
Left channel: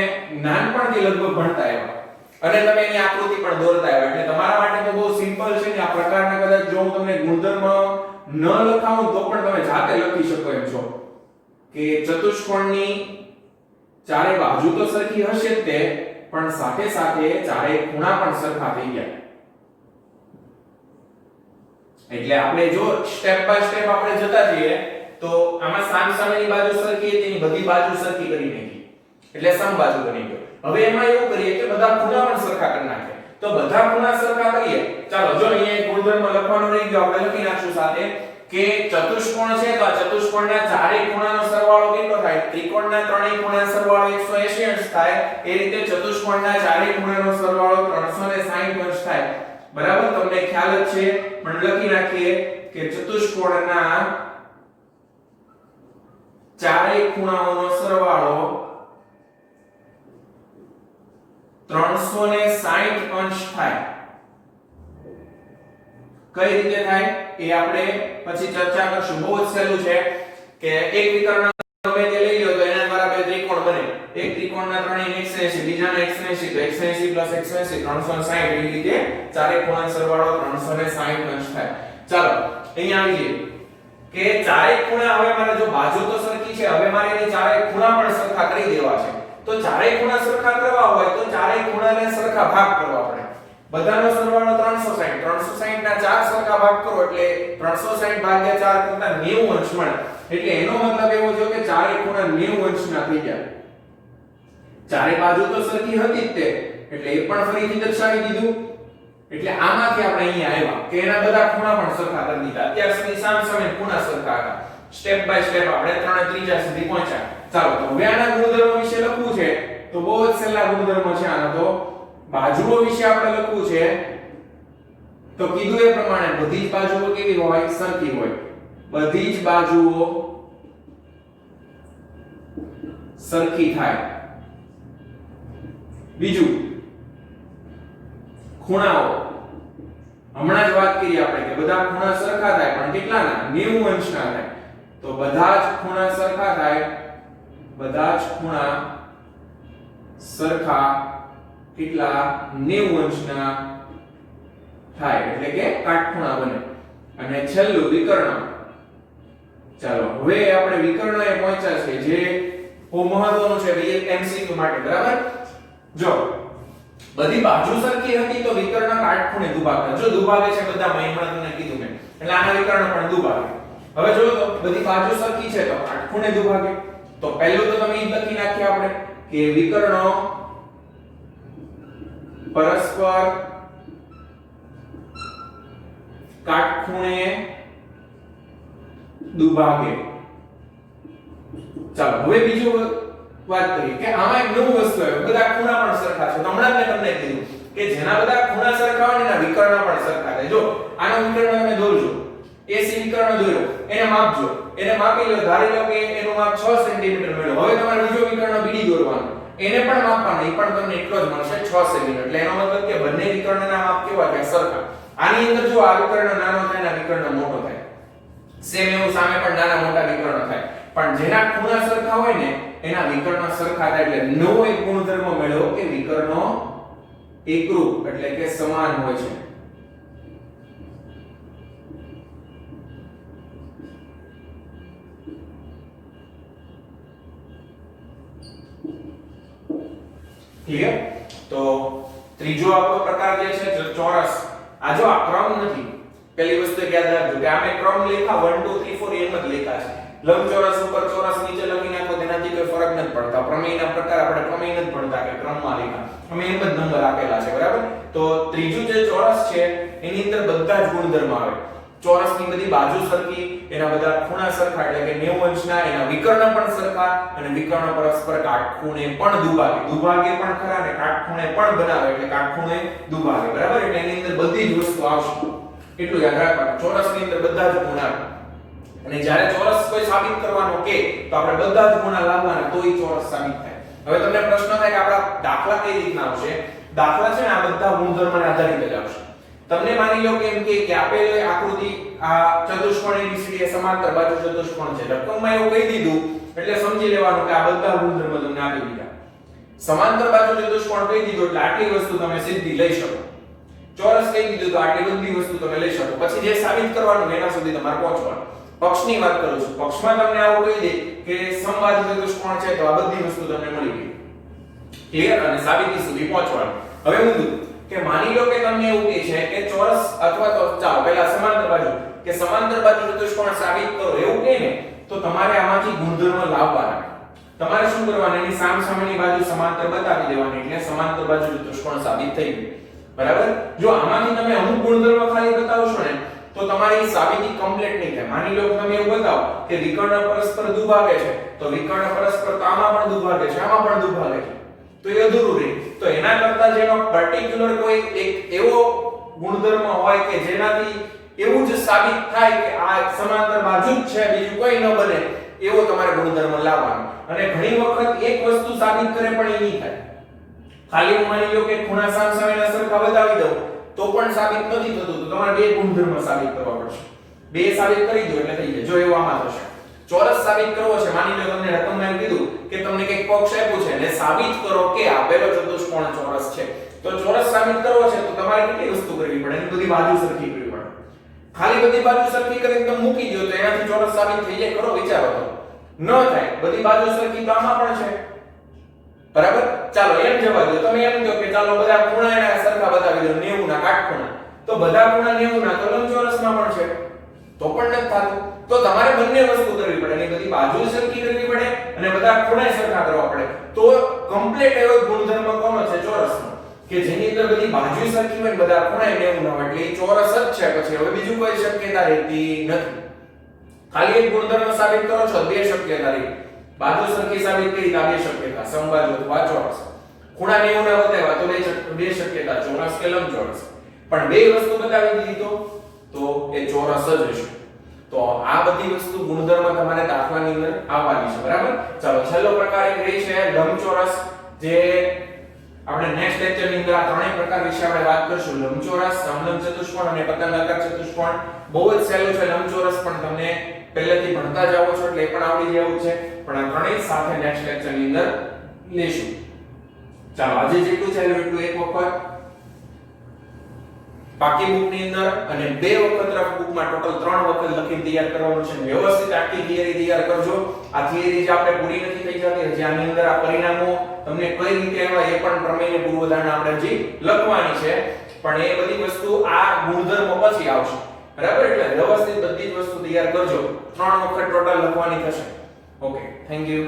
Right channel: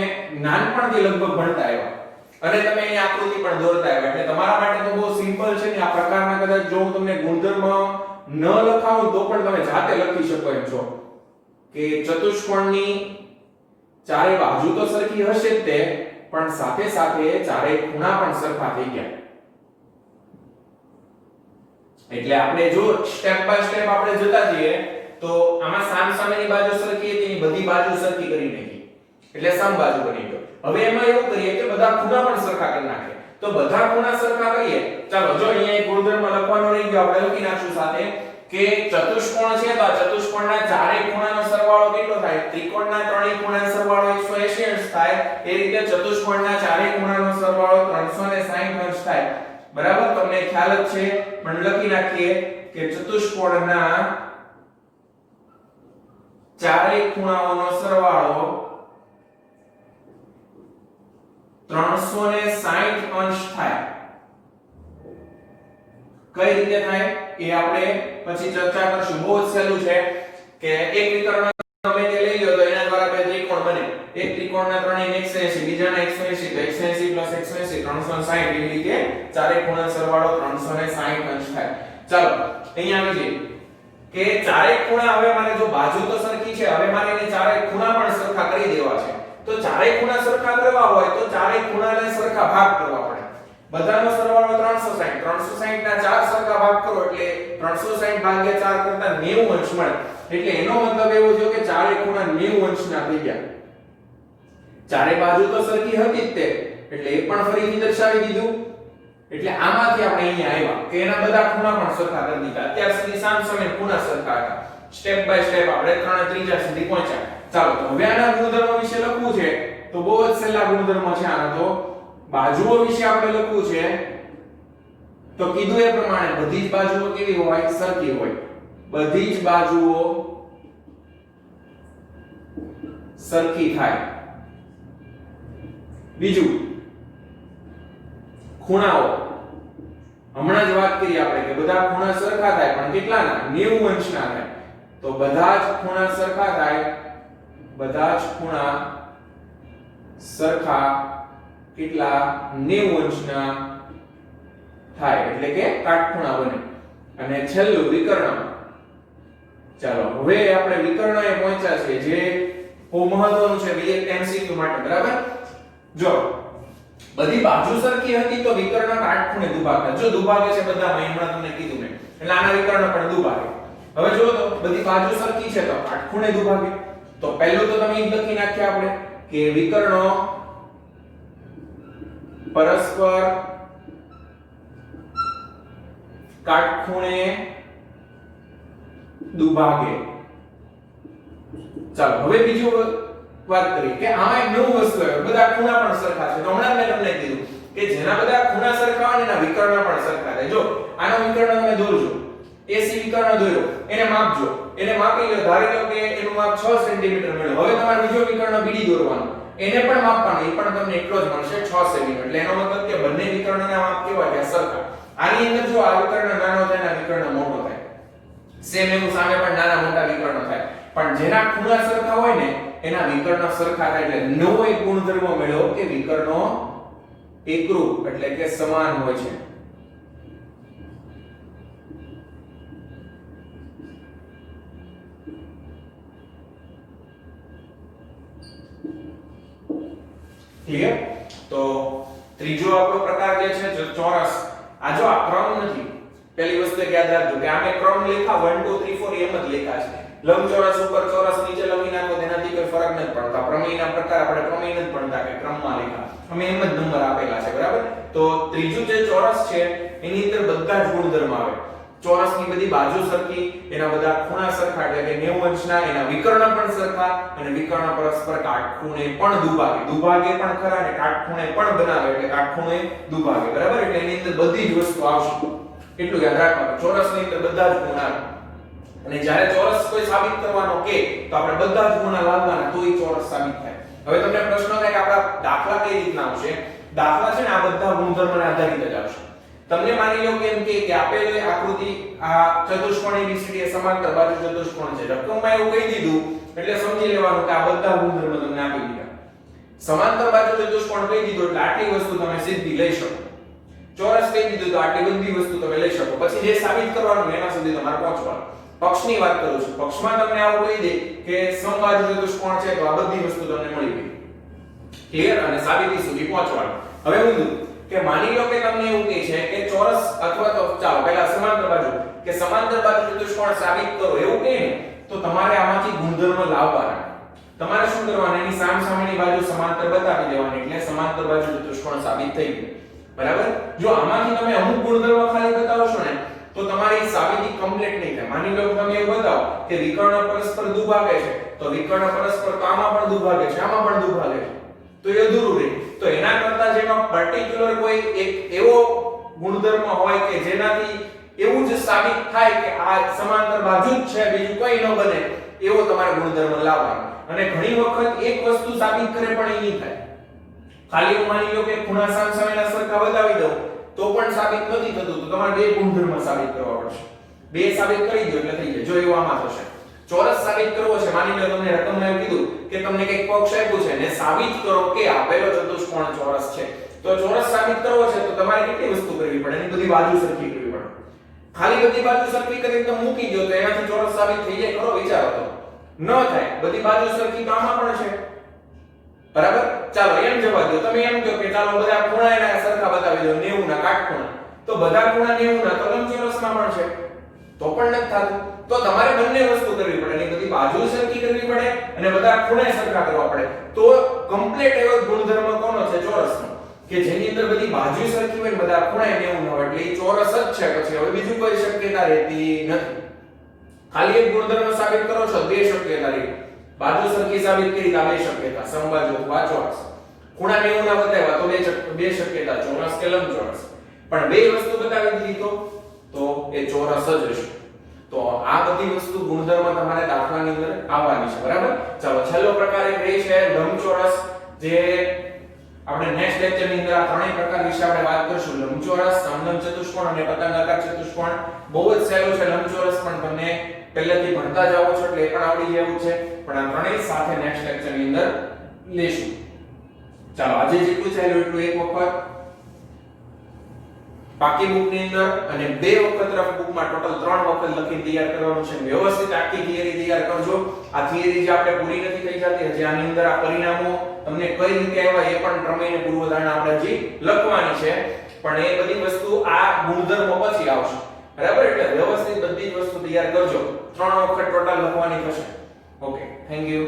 નાનપણથી લગભગ ભણતા આવ્યા અને તમે એની આકૃતિ પણ દોરતા આવ્યા, એટલે તમારા માટે તો બહુ સિમ્પલ છે ને. આ પ્રકારના કદાચ જો હું તમને ગુણધર્મ ન લખાવું તો પણ તમે જાતે લખી શકો એમ છો કે ચતુષ્કોણની ચારે બાજુ તો સરખી હશે જ તે, પણ સાથે સાથે ચારે ખૂણા પણ સરખા થઈ ગયા. એટલે આપણે જો સ્ટેપ બાય સ્ટેપ આપણે જતા જઈએ તો આમાં સામસામેની બાજુ સરખી હતી, એની બધી બાજુ સરખી કરી નાખી એટલે સમબાજુ બની ગયો. હવે એમાં એવું કરીએ કે બધા ખૂણા પણ સરખા કરી નાખીએ. તો બધા ખૂણા સરખા કરીએ. ચાલો જો અહીંયા એક ગુણધર્મ લખવાનું રહી ગયો, આપણે લખી નાખશું સાથે કે ચતુષ્કોણ છે તો આ ચતુષ્કોણના ચારેય ખૂણાનો સરવાળો કેટલો થાય? ત્રિકોણના ત્રણેય ખૂણાનો સરવાળો 180 અંશ થાય. એ રીતે ચતુષ્કોણના ચારેય ખૂણાનો સરવાળો 360 અંશ થાય. બરાબર, તમને ખ્યાલ જ છે. પણ લખી નાખીએ કે ચતુષ્કોણના ચારેય ખૂણાઓનો સરવાળો 360 અંશ થાય. કઈ રીતે થાય એ આપણે પછી ચર્ચા કરશું. બહુ જ સહેલું છે કે એક વિકર્ણ ગમે તે લઈ લો તો એના દ્વારા બે ત્રિકોણ બને. એક ત્રિકોણના ત્રણેય 180, બીજાના 180 તો 180 + 180 360. એવી રીતે ચારે ખૂણાનો સરવાળો 360 અંશ થાય. ચાલો અહીંયા આવી જઈએ કે ચારે ખૂણા હવે મારે જો બાજુ તો સરખી છે, હવે મારે એને ચારે ખૂણા પણ સરખા કરી દેવા છે. તો ચારે ખૂણા સરખા કરવા હોય તો ચારે ખૂણાને સરખા ભાગ કરવા પડે. બધાનો સરવાળો 360. 360 ના 4 સરખા ભાગ કરો એટલે 360 ભાગ્યા 4 કરતા 90 અંશ મળે. એટલે એનો મતલબ એવો થયો કે ચારે ખૂણા 90 અંશના થઈ ગયા. ચારે બાજુ તો સરખી હતી જ તે, એટલે એ પણ ફરીથી દર્શાવી દીધું. એટલે આમાંથી આપણે અહીંયા આવ્યા કે એના બધા ખૂણા પણ સરખા કરી દીધા. અત્યાર સુધી સામસામે ખૂણા સરખા હતા. સ્ટેપ બાય સ્ટેપ આપણે ત્રીજા સુધી પહોંચ્યા. ચાલો તો હવે આના ગુણધર્મો વિશે લખવું છે તો બહુ જ સહેલા ગુણધર્મો છે આનો. તો બાજુઓ વિશે આપણે લખવું છે તો કીધું એ પ્રમાણે બધી જ બાજુઓ કેવી હોય? સરખી હોય. બધી જ બાજુઓ સરખી થાય. બીજું ખૂણાઓ. હમણાં જ વાત કરી આપણે કે બધા ખૂણા સરખા થાય, પણ કેટલાના? 90 અંશના થાય. તો બધા જ ખૂણા સરખા થાય. બધા જ ખૂણા સરખા કેટલા? 90 અંશના થાય, એટલે કે કાટખૂણા બને. અને છેલ્લું વિકર્ણ. ચાલો હવે આપણે વિકર્ણએ પહોંચ્યા છે જે બહુ મહત્વનું છે MCQ માટે. બરાબર, જો બધી બાજુ સરખી હતી તો વિકર્ણ કાટખૂણે દુભાગે. જો દુભાગે છે બધામાં, હમણાં તમને કીધું મેં, એટલે આના વિકર્ણ પણ દુભાગે. હવે જો તો બધી બાજુ સરખી છે તો કાટખૂણે દુભાગે. તો પહેલું તો તમે ઈ લખી નાખ્યા આપણે કે વિકર્ણો પરસ્પર કાટખૂણે દુભાગે. ચાલો હવે બીજું વાત કરીએ કે આમાં એક નવું વસ્તુ આવે, બધા ખૂણા પણ સરખા છે. તો હમણાં મેં તમને કીધું કે જેના બધા ખૂણા સરખા હોય એના વિકર્ણ પણ સરખા થાય. જો આનો વિકર્ણ તમે દોરજો, AC વિકર્ણ દોર્યો, એને માપજો, એને માપી લો, ધારી લો કે એનું માપ 6 સેન્ટીમીટર મળ્યું. હવે તમારે બીજો વિકર્ણ બીડી દોરવાનો, એને પણ માપવાનો, એ પણ તમને એટલો જ મળશે 6 સેન્ટીમીટર. એટલે એનો મતલબ કે બંને વિકર્ણના માપ કેવા છે? સરખા. આની અંદર જો આ વિકર્ણ નાનો થાય અને વિકર્ણ મોટો થાય, સેમ એવું સામે પણ નાના મોટા વિકર્ણ થાય. પણ જેના ખૂણા સરખા હોય ને એના વિકર્ણ સરખા થાય એટલે નવો એક ગુણધર્મ મેળવ્યો કે વિકર્ણો એકરૂપ એટલે કે સમાન હોય છે. ક્લિયર? તો ત્રીજો આપણો પ્રકાર જે છે ચોરસ. આ જો આ ક્રમ નથી, પહેલી વસ્તુ યાદ રાખજો કે આમે ક્રમ લેખા 1 2 3 4 એમ જ લેખા છે. લંબચોરસ ઉપર ચોરસ નીચે લખી નાખો તેનાથી કોઈ ફરક નથી પડતા. પ્રમેયના પ્રકાર આપણે પ્રમેય નથી ભણતા કે ક્રમમાં લેખા, અમે એમ જ નંબર આપેલા છે, બરાબર? તો ત્રીજું જે ચોરસ છે એની અંદર બધા જ ગુણધર્મ આવે. ચોરસની બધી બાજુ સરખી, એના બધા ખૂણા સરખા એટલે કે 90 અંશના, એના વિકર્ણ પણ સરખા અને વિકર્ણ પરસ્પર કાટખૂણે પણ દુભાગે. દુભાગે પણ ખરા અને કાટખૂણે પણ બનાવે એટલે કાટખૂણે દુભાગે, બરાબર? એટલે એની અંદર બધી જ વસ્તુ આવશે. એટલું યાદ રાખવાનું. ચોરસની અંદર બધા જ ગુણ આવે. અને જ્યારે ચોરસ કોઈ સાબિત કરવાનો કે તો આપણે બધા જ ગુણ લાવવાના તો ઈ ચોરસ સાબિત થાય. હવે તમને પ્રશ્ન થાય કે આપણા દાખલા કઈ રીતના આવશે? દાખલા છે ને આ બધા ગુણધર્મને આધારિત જ આવશે. તમને માની લો કે એમ કે આપેલી આકૃતિ આ ચતુષ્કોણ ABCD એ સમાંતર બાજુ ચતુષ્કોણ છે. રકમમાં એવું કહી દીધું એટલે સમજી લેવાનું કે આ બધા ગુણધર્મ તમને આપી દીધા. સમાંતર બાજુ ચતુષ્કોણ કહી દીધું એટલે આટલી વસ્તુ તમે સીધી લઈ શકો. ચોરસ કહી દીધું તો આટલી બધી વસ્તુ તમે લઈ શકો. પછી જે સાબિત કરવાનું એના સુધી તમારે પહોંચવાનું. પક્ષની વાત કરું છું. પક્ષમાં તમને આવું કહી દે કે સમબાજુ ચતુષ્કોણ છે તો આ બધી વસ્તુ તમને મળી ગઈ. ક્લિયર? અને સાબિતી સુધી પહોંચવાનું. હવે ઊંધું કે માની લો કે તમને એવું કહે છે કે ચોરસ અથવા તો ચાલો પહેલા સમાંતર બાજુ કે સમાંતર બાજુ ચતુષ્કોણ સાબિત કરો એવું કહે ને તો તમારે આમાંથી ગુણધર્મ લાવવાના. તમારે શું કરવાનું? એની સામસામેની બાજુ સમાંતર બતાવી દેવાની એટલે સમાંતર બાજુ ચતુષ્કોણ સાબિત થઈ ગયું. બરાબર? જો આમાંથી તમે અમુક ગુણધર્મ ખાલી બતાવશો ને તો તમારી સાબિતી કમ્પ્લીટ નહીં થાય. માની લો કે તમે એવું બતાવો કે વિકર્ણ પરસ્પર દુભાગે છે તો વિકર્ણ પરસ્પર તો આમાં પણ દુભાગે છે, આમાં પણ દુભાગે છે, તો એ અધૂરું રહે. તો એના કરતા જેનો પર્ટિક્યુલર કોઈ એક એવો ગુણધર્મ હોય કે જેનાથી એવું જ સાબિત થાય કે આ સમાંતર બાજુ જ છે, બીજું કોઈ ન બને, એવો તમારે ગુણધર્મ લાવવાનો. અને ઘણી વખત એક વસ્તુ સાબિત કરે પણ એ નહીં થાય. ખાલી હું માની લો કે ખૂણા સામસામેના સરખા બતાવી દઉં તો પણ સાબિત નથી થતું, તો તમારે બે ગુણધર્મ સાબિત કરવા પડશે. બે સાબિત કરી દો એટલે થઈ જાય. જો એવું આમાં થશે. ચોરસ સાબિત કરવો છે, માની લો તમને રકમમાં એવું કીધું કે તમને કંઈક પક્ષ આપ્યું છે અને સાબિત કરો કે આપેલો ચતુષ્કોણ ચોરસ છે. તો ચોરસ સાબિત કરવો છે તો તમારે કેટલી વસ્તુ કરવી પડે? એની બધી બાજુ સરખી કરવી પડે. ખાલી બધી બાજુ સરખી કરીને તમે મૂકી દો તો એનાથી ચોરસ સાબિત થઈ જાય? ખરો વિચારો તો. ન થાય. બધી બાજુ સરખી તો આમાં પણ છે. બરાબર? ચાલો એમ જવા દો. તમે એમ કહો કે ચાલો બધા ખૂણા એના સરખા બતાવી દો, 90 ના કાટખૂણા. તો બધા ખૂણા 90 ના તો લંબચોરસમાં પણ છે. તો પણ નથી થતું. તો તમારે બંને વસ્તુ કરવી પડે. એની બધી બાજુ સરખી કરવી પડે અને બધા ખૂણે સરખા કરવા પડે. તો કમ્પ્લીટ એવો ગુણધર્મ કોનો છે? ચોરસનો. કે જેની અંદર બધી બાજુ સરખી હોય ને બધા ખૂણે 90 ના હોય એટલે એ ચોરસ જ છે. પછી હવે બીજું કોઈ શક્યતા રહેતી નથી. ખાલી એક ગુણધર્મ સાબિત કરો છો, બે શક્યતા રહી. બાજુ સરખી સાબિત કરી તો બે શક્યતા, સમબાજુ અથવા ચોરસ. ખૂણા 90 ના બતાવ્યા તો બે શક્યતા, ચોરસ કે લંબચોરસ. પણ બે વસ્તુ બતાવી દીધી તો એ ચોરસ જ હશે. તો આ બધી વસ્તુ ગુણધર્મ તમારે દાખલાની અંદર આવવાની છે. બરાબર? ચાલો છેલ્લો પ્રકાર એક રહી છે લંબચોરસ, જે આપણે નેક્સ્ટ લેક્ચર ની અંદર આ ત્રણેય પ્રકાર વિશે આપણે વાત કરીશું. લંબચોરસ, સમલંબ ચતુષ્કોણ અને પતંગાકાર ચતુષ્કોણ. બહુ જ સહેલું છે લંબચોરસ, પણ તમને પહેલેથી ભણતા જાવ છો એટલે એ પણ આવડી જેવું છે. પણ આ ત્રણેય સાથે નેક્સ્ટ લેક્ચર ની અંદર લેશું. ચાલો આજે જેટલું છે એટલું એક વખત પાકી બુક ની અંદર અને બે વખત રફ બુકમાં ટોટલ 3 વખત લખીને તૈયાર કરવાનું છે. વ્યવસ્થિત આખી થિયરી તૈયાર કરજો. આ થિયરી જે આપણે પૂરી નથી થઈ જતી, હજી આની અંદર આ પરિણામો તમને કઈ રીતે આવ્યા એ પણ પ્રમેયને પૂર્વધારણા આપણે હજી લખવાની છે. પણ એ બધી વસ્તુ આ ગુણધર્મ પછી આવશે. બરાબર? એટલે વ્યવસ્થિત બધી જ વસ્તુ તૈયાર કરજો. 3 વખત ટોટલ લખવાની થશે. Okay, thank you.